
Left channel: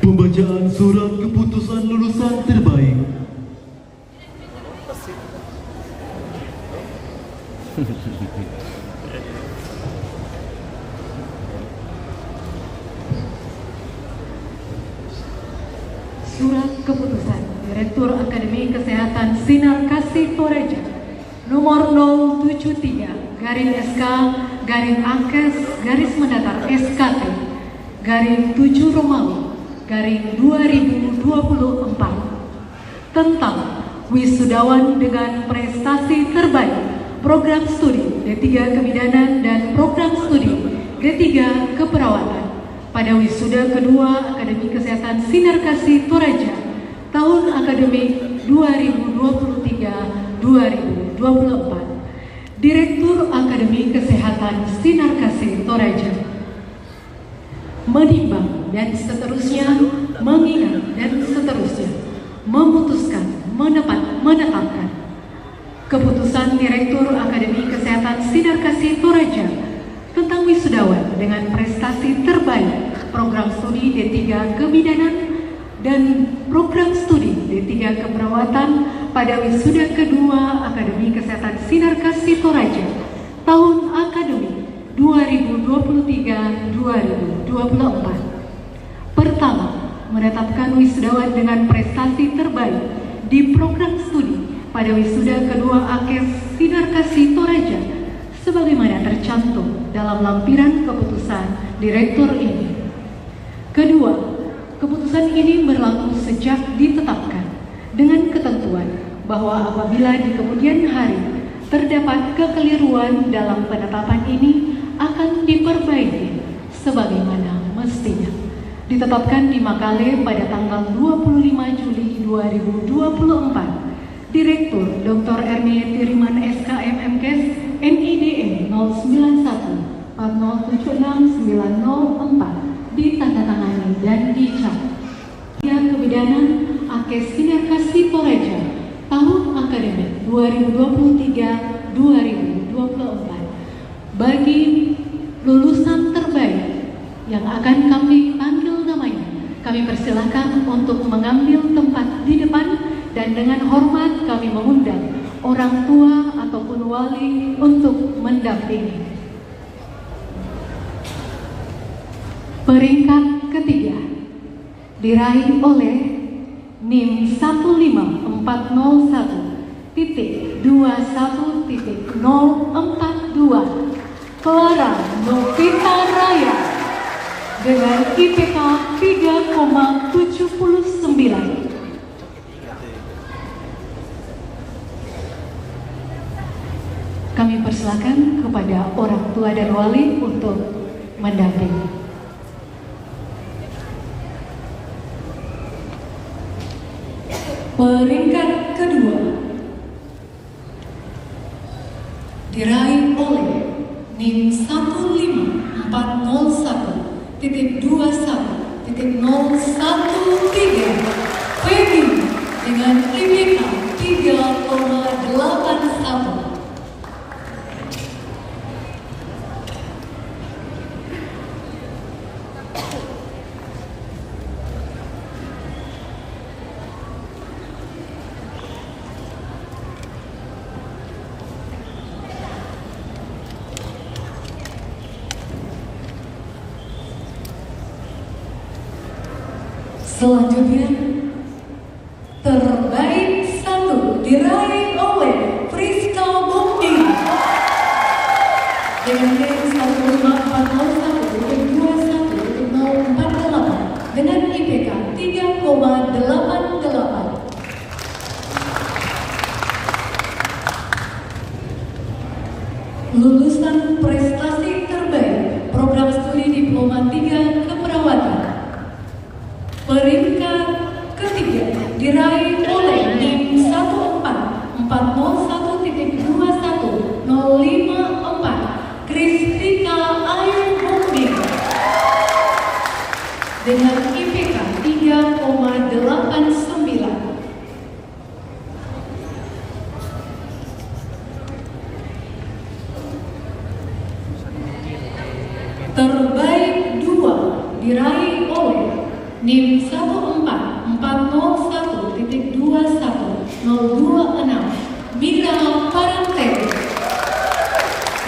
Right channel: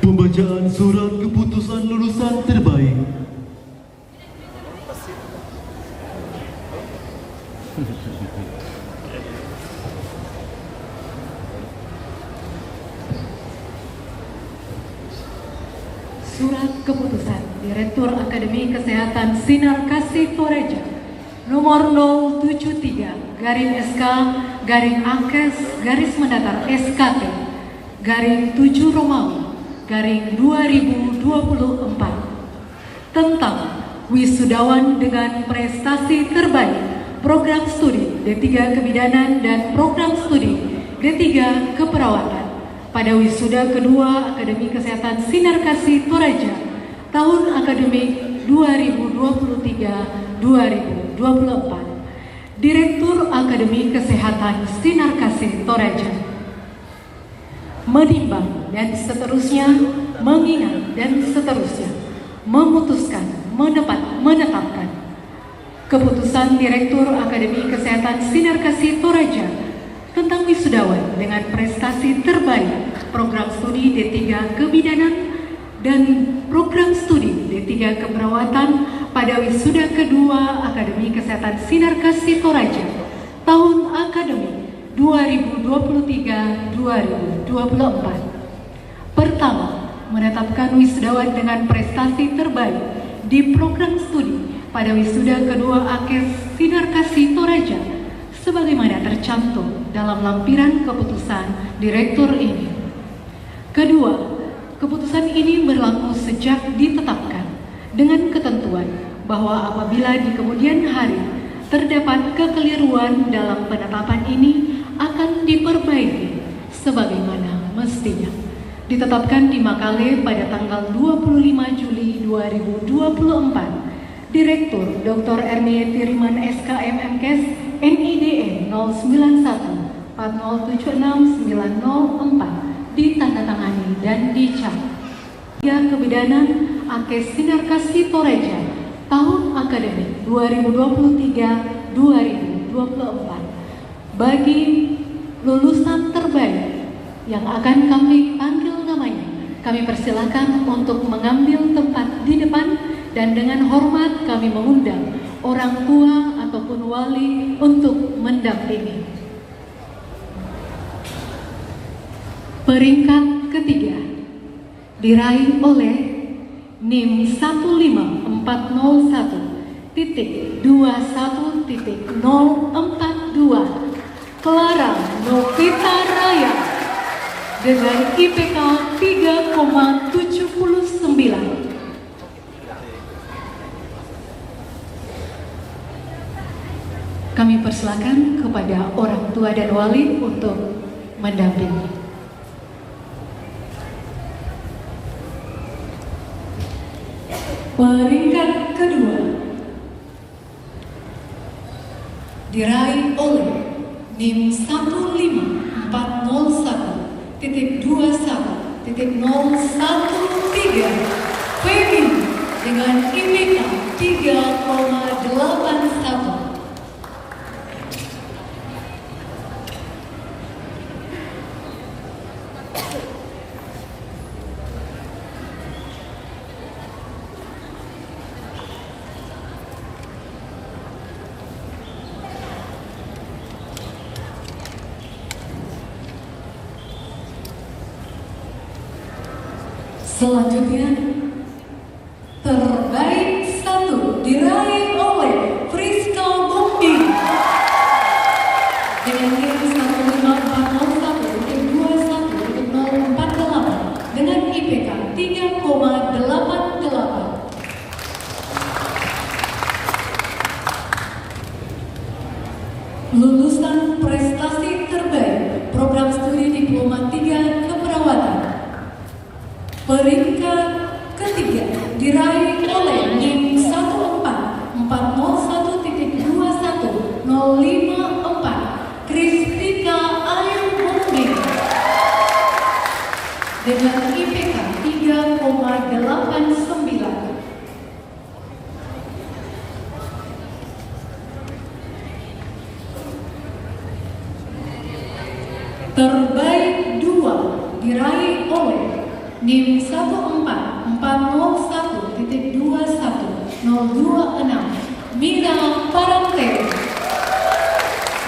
Pembacaan surat keputusan lulusan terbaik. Surat keputusan Direktur Akademi Kesehatan Sinar Kasih Toraja nomor 073-SK-Angkes-SKT _7 Romawi _2024 tentang wisudawan dengan prestasi terbaik program studi D3 Kebidanan dan program studi D3 Keperawatan pada wisuda kedua Akademi Kesehatan Sinar Kasih Toraja tahun akademik 2023-2024. Direktur Akademi Kesehatan Sinar Kasih Toraja menimbang dan seterusnya, mengingat dan seterusnya, memutuskan, menetapkan keputusan Direktur Akademi Kesehatan Sinar Kasih Toraja tentang wisudawan dengan prestasi terbaik program studi D3 Kebidanan dan program studi D3 Keperawatan pada wisuda kedua Akademi Kesehatan Sinar Kasih Toraja tahun akademik 2023 pasangan wisudawan dengan prestasi terbaik di program studi pada wisuda kedua AKES Sinar Kasih Toraja sebagaimana tercantum dalam lampiran keputusan Direktur ini. Kedua, keputusan ini berlaku sejak ditetapkan dengan ketentuan bahwa apabila di kemudian hari terdapat kekeliruan dalam penetapan ini akan diperbaiki sebagaimana mestinya. Ditetapkan di Makale pada tanggal 25 Juli 2024, Direktur Dr. Ernie Tiriman SKM MKes NIDE 091 4076904 ditandatangani dan dicap. Kebidanan AKES Sinar Kasih Toraja tahun akademik 2023-2024 bagi lulusan terbaik yang akan kami panggil namanya. Kami persilakan untuk mengambil tempat di depan dan dengan hormat kami mengundang orang tua ataupun wali untuk mendampingi. Peringkat ketiga diraih oleh NIM 15401.21.042 Clara Novita Raya dengan IPK 3,79. Kami persilakan kepada orang tua dan wali untuk mendampingi. Peringkat kedua diraih oleh NIM 15401.21.013 Femi dengan IPK 3,81. Selanjutnya, terbaik satu diraih oleh Friska Bukti dengan NIM 15401.21.048 dengan IPK 3,88. Lulusan prestasi terbaik program studi Diploma 3 Keperawatan. Peringkat ketiga diraih oleh NIM 15401.21.054 Kristika Ayu Mukti dengan IPK 3,89. Terbaik dua diraih oleh NIM 15401.21.026 Mira Parante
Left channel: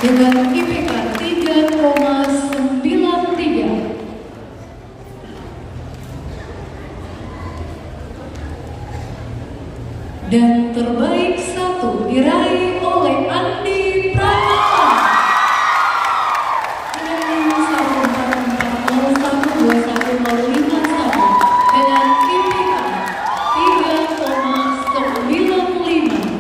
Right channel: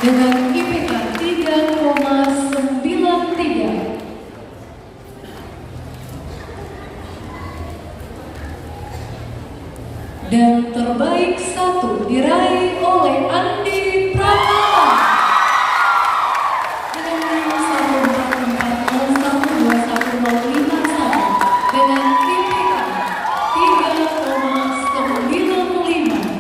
dengan IPK 3,93. Dan terbaik satu diraih oleh Andi Pratama dengan NIM 15401.21.051 dengan IPK 3,95.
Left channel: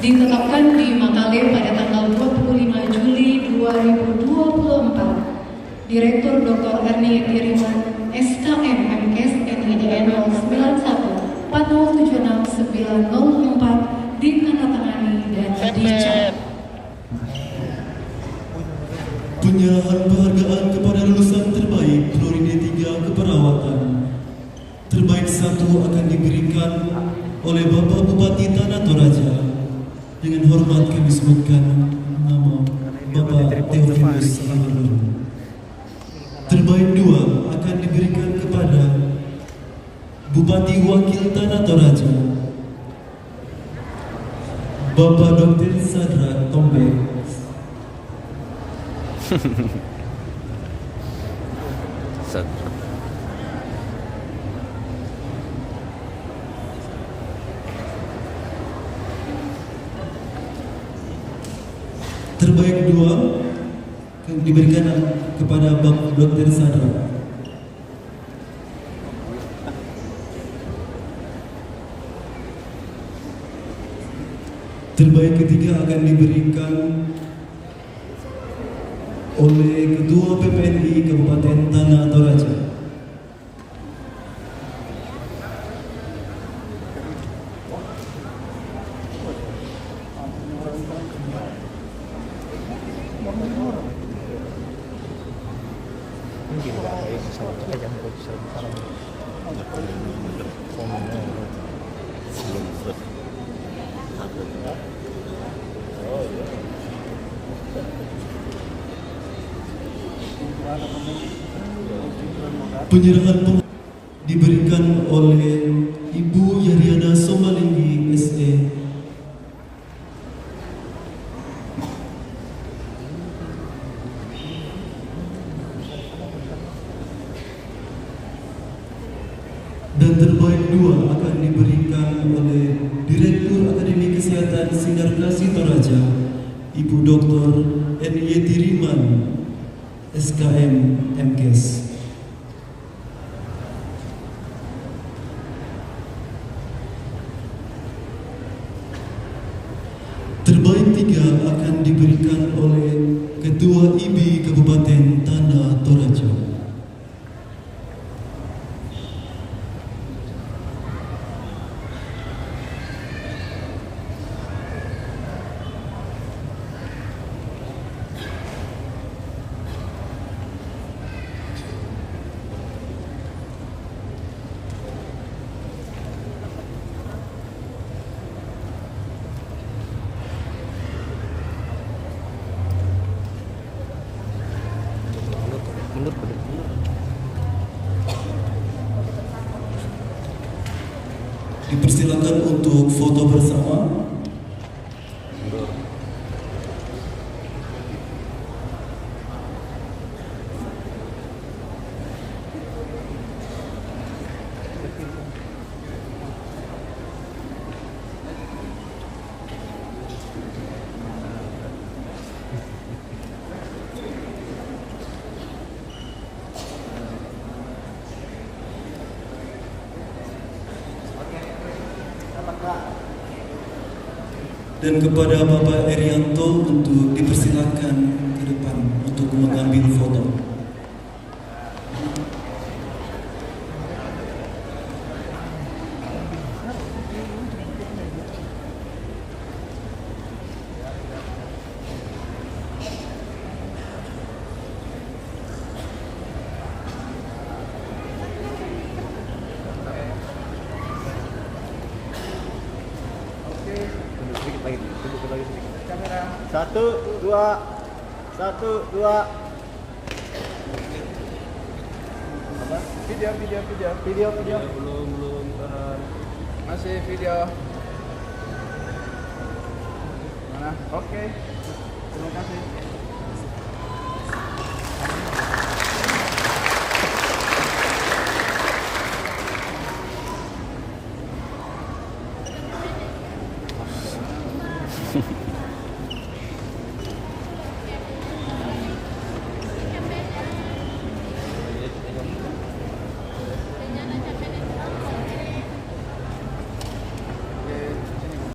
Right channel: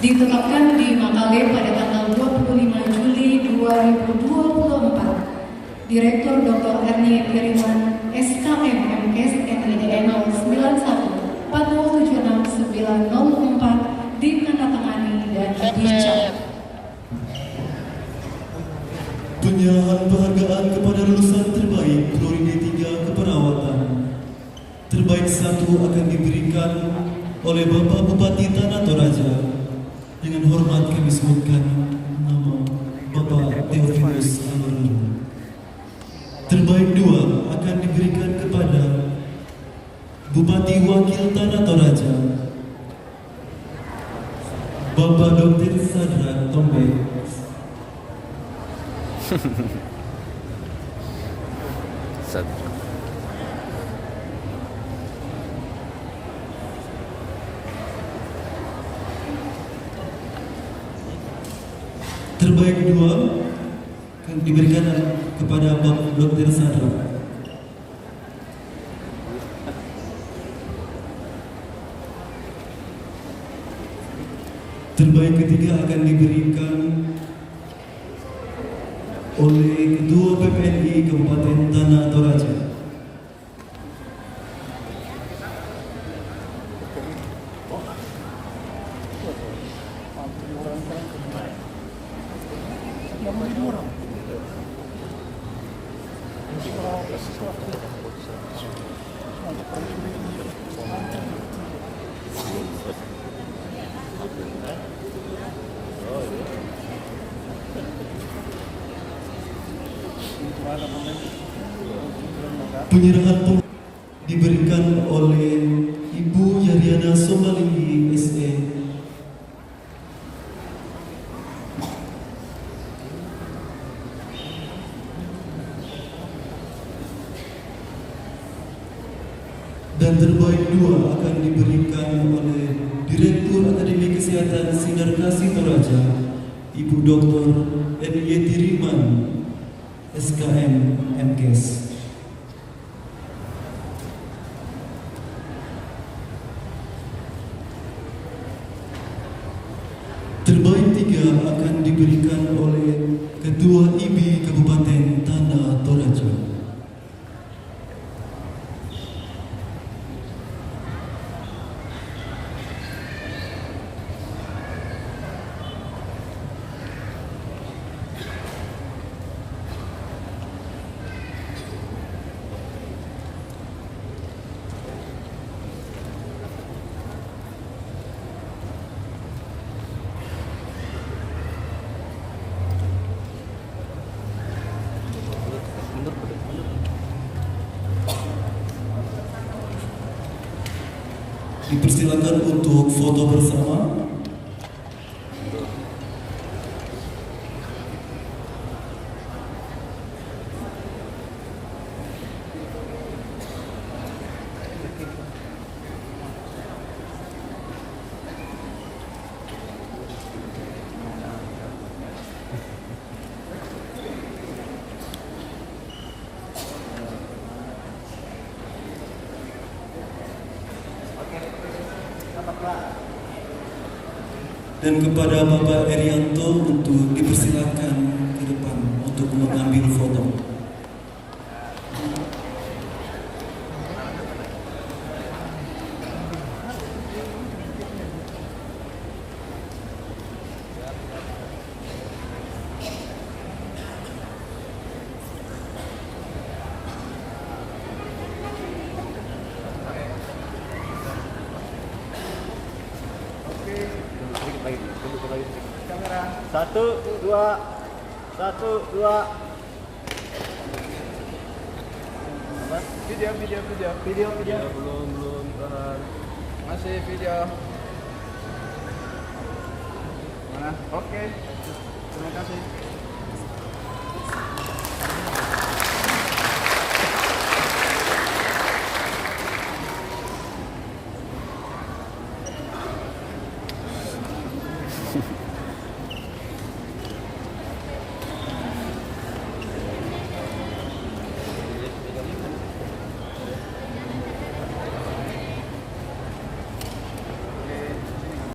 Ditetapkan di Makale pada tanggal 25 Juli 2024. Direktur Dr. Ernie Tiriman SKM MKes NIDE 091 4076904 ditandatangani dan dicap. Penyerahan penghargaan kepada lulusan terbaik Prodi 3 Keperawatan. Terbaik satu akan diberikan oleh Bapak Bupati Tanah Toraja. Dengan hormat kami sebutkan nama Bapak Theophilus Angelo. Terbaik dua akan diberikan kepada Bupati Wakil Tanah Toraja, Bapak Dr. Sadra Tombek. Satu. Terbaik 2 yang diberikan kepada Dr. Sandra. Terbaik ketiga akan diberikan oleh Ketua PPNI Kabupaten Tanah Toraja. Penyerahan diberikan oleh Ibu Yariana Somalinggi SE. Dan terbaik 2 akan diberikan oleh Direktur Akademi Kesehatan Sinar Kasih Toraja, Ibu Dr. N.Y. Tiriman, SKM MKes. Terbaik 3 akan diberikan oleh Ketua IBI Kabupaten Tanah Toraja. Dipersilakan untuk foto bersama. Dan kepada Bapak Erianto untuk dipersilakan ke depan untuk mengambil foto. Kamera 1, 2, 1, 2. Apa? Video. Belum tahan. Masih video. Mana? Oke. Terima kasih. Hehehe